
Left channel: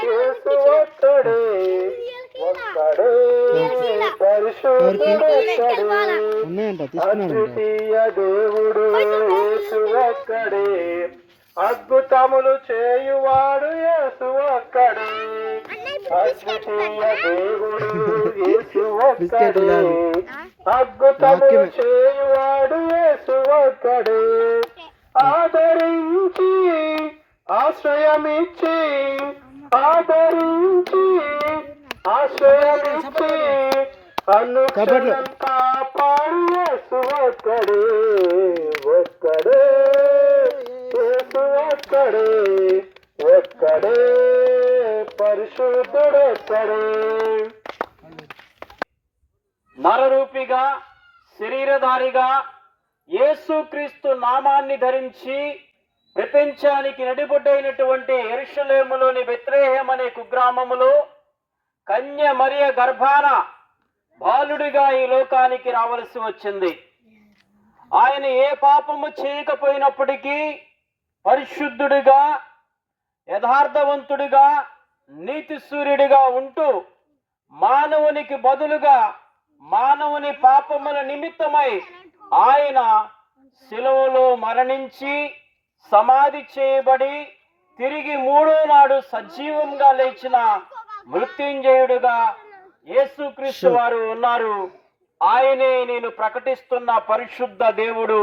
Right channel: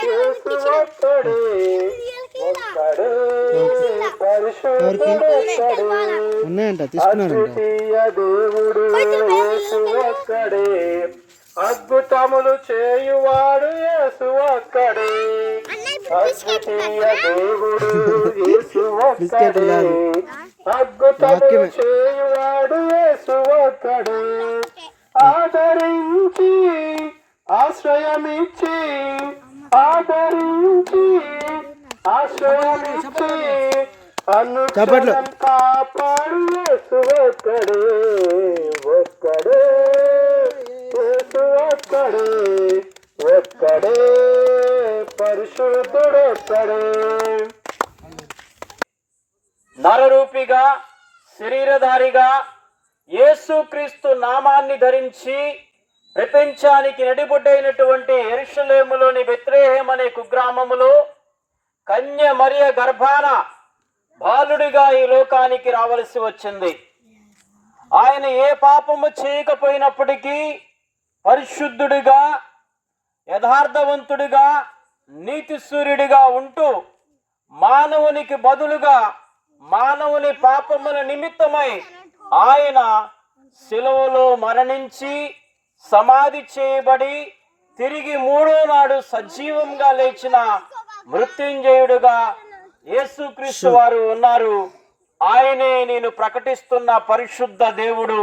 యేసు, ఒక్కడే, ఒక్కడే పరిశుద్ధుడు, ఒక్కడే. ఉన్నాయంట, తీసుకున్నారంట. అద్వితీయ దేవుడు యేసు ఒక్కడే, అద్భుతములు చేయువాడు యేసు ఒక్కడే, అద్వితీయ దేవుడు యేసు ఒక్కడే, అద్భుతములు చేయువాడు యేసు ఒక్కడే. ఆదరించి ఆశ్రయమిచ్చి, ఆదరించి ఆశ్రయమిచ్చి, అనుక్షణం కాపాడు యేసు ఒక్కడే, ఒక్కడే యేసు, ఒక్కడే, ఒక్కడే పరిశుద్ధుడు, ఒక్కడే. నరరూపిగా శరీరధారిగా యేసుక్రీస్తు నామాన్ని ధరించి ప్రపంచానికి నడిబొడ్డైనటువంటి యెరూషలేములోని బెత్లెహేము అనే కుగ్రామములో కన్య మరియ గర్భాన బాలుడిగా ఈ లోకానికి రావలసి వచ్చింది. ఆయన ఏ పాపము చేయకపోయినప్పటికీ పరిశుద్ధుడిగా, యథార్థవంతుడిగా, నీతి సూర్యుడిగా ఉంటూ మానవునికి బదులుగా మానవుని పాపముల నిమిత్తమై ఆయన శిలువలో మరణించి సమాధి చేయబడి తిరిగి మూడో నాడు సజీవంగా లేచిన మృత్యుంజయుడుగా యేసుక్రీస్తు వారు ఉన్నారు. ఆయనే నేను ప్రకటిస్తున్న పరిశుద్ధ దేవుడు,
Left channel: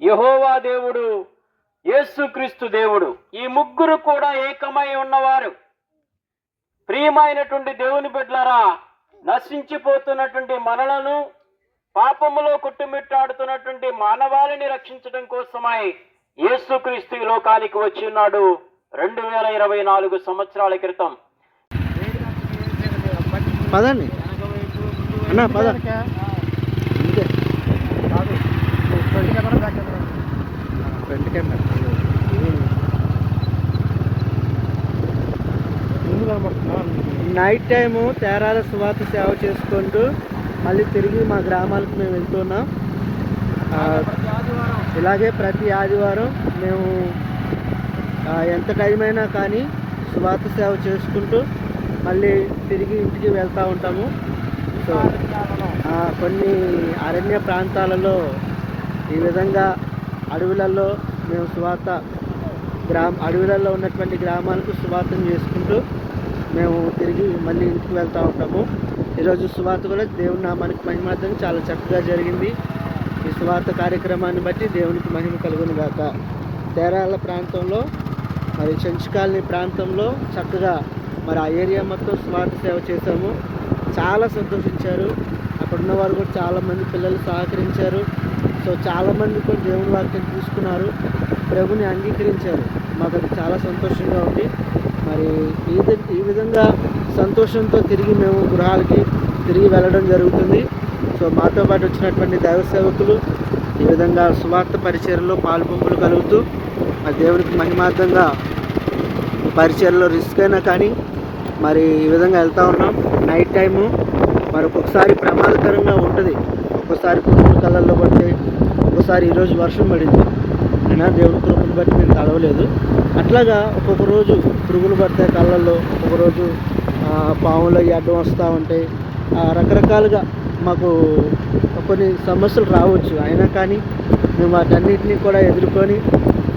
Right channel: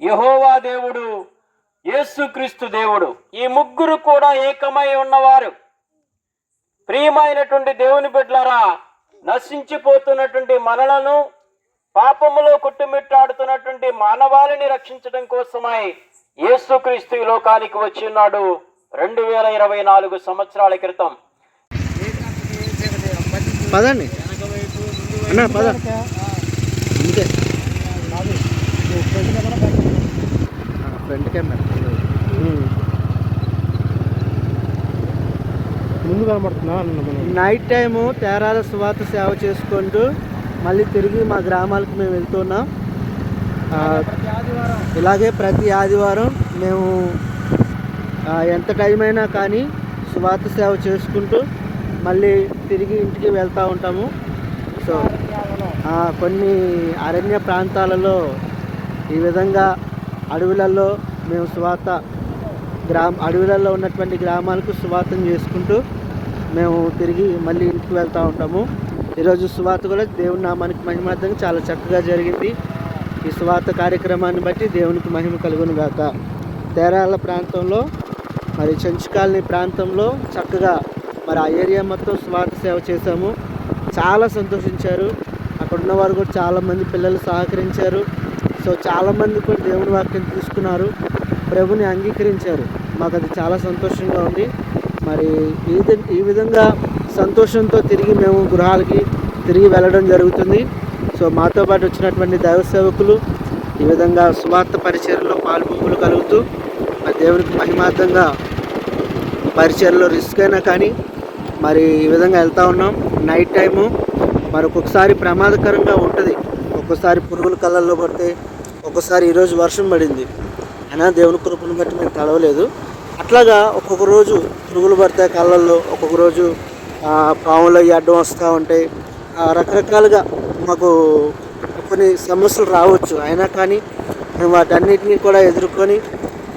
యెహోవా దేవుడు, యేసుక్రీస్తు దేవుడు. ఈ ముగ్గురు కూడా ఏకమై ఉన్నవారు. ప్రియమైనటువంటి దేవుని బిడ్డలారా, నశించిపోతున్నటువంటి మనలను, పాపములో కొట్టుమిట్టాడుతున్నటువంటి మానవాళిని రక్షించడం కోసమై యేసుక్రీస్తు ఈ లోకానికి వచ్చి ఉన్నాడు 2024 సంవత్సరాల క్రితం. పదండి అన్న, పద. ఫ్రంట్ కెమెరా నైట్ టైము తేరాల సువార్త సేవ చేసుకుంటూ మళ్ళీ తిరిగి మా గ్రామాలకు మేము వెళ్తున్నాం. ఇలాగే ప్రతి ఆదివారం మేము ఎంత టైం అయినా కానీ సువార్త సేవ చేసుకుంటూ మళ్ళీ తిరిగి ఇంటికి వెళ్తూ ఉంటాము. సో కొన్ని అరణ్య ప్రాంతాలలో ఈ విధంగా అడవులలో మేము అడవులలో ఉన్నటువంటి గ్రామాలకు సువార్తను చేసుకుంటూ మేము తిరిగి మళ్ళీ ఇంటికి వెళ్తూ ఉంటాము. ఈరోజు సువార్త కూడా దేవుని నామానికి మహిమార్థంగా చాలా చక్కగా జరిగింది. ఈ సువార్త కార్యక్రమాన్ని బట్టి దేవునికి మహిమ కలుగును గాక. తేరాల ప్రాంతంలో మరి చెంచు కాలనీ ప్రాంతంలో చక్కగా మరి ఆ ఏరియా మొత్తం సువార్త సేవ చేశాము. చాలా సంతోషించారు. అక్కడ ఉన్నవారు కూడా చాలామంది పిల్లలు సహకరించారు. సో చాలామంది కూడా దేవుని వాక్యం తీసుకున్నారు, ప్రభుని అంగీకరించారు. మాకు అది చాలా సంతోషంగా ఉంది. మరి ఈ విధంగా సంతోషంతో తిరిగి మేము గృహాలకి తిరిగి వెళ్ళడం జరుగుతుంది. సో మాతో పాటు వచ్చినటువంటి దైవ సేవకులు ఈ విధంగా సువార్త పరిచర్యలో పాలుపొంపులు కలుగుతూ మరి దేవునికి మహిమార్థంగా ఈ పరిచర్యలో రిస్క్ అయినా కానీ మరి ఈ విధంగా వెళ్తూ ఉన్నాం. నైట్ టైము మరి ఒక్కొక్కసారి ప్రమాదకరంగా ఉంటుంది. ఒక్కోసారి పురుగుల కళ్ళల్లో పడతాయి, ఒక్కోసారి ఈరోజు వర్షం పడింది అయినా దేవుని కృపను బట్టి మేము తడవలేదు. అట్లాగా ఒక్కొక్క రోజు పురుగులు పడతాయి కళ్ళల్లో, ఒక్కొక్క రోజు పాములు అవి అడ్డం వస్తూ ఉంటాయి. రకరకాలుగా మాకు కొన్ని సమస్యలు రావచ్చు. అయినా కానీ మేము వాటన్నిటినీ కూడా ఎదుర్కొని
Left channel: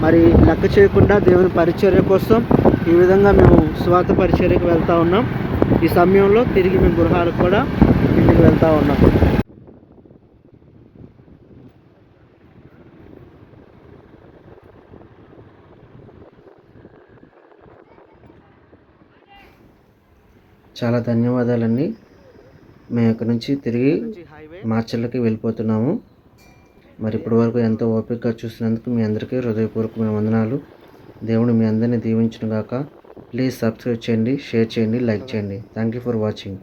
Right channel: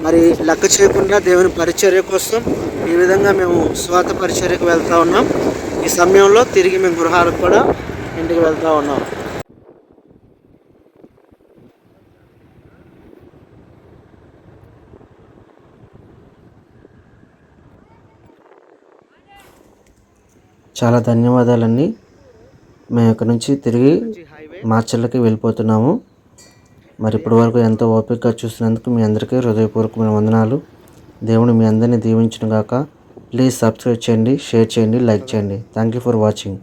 మరి లెక్క చేయకుండా దేవుని పరిచర్య కోసం ఈ విధంగా మేము స్వార్థ పరిచర్యకు వెళ్తూ ఉన్నాం. ఈ సమయంలో తిరిగి మేము గృహాలకు కూడా ఇంటికి వెళ్తూ ఉన్నాం. చాలా ధన్యవాదాలండి. మేము ఇక్కడ నుంచి తిరిగి మార్చర్లకి వెళ్ళిపోతున్నాము. మరి ఇప్పటి వరకు ఎంతో ఓపికగా చూసినందుకు మీ అందరికీ హృదయపూర్వకమైన వందనాలు. దేవుడు మీ అందరినీ దీవించును గాక. ప్లీజ్ సబ్స్క్రైబ్ చేయండి, షేర్ చేయండి, లైక్ చేయండి. Thank you for watching.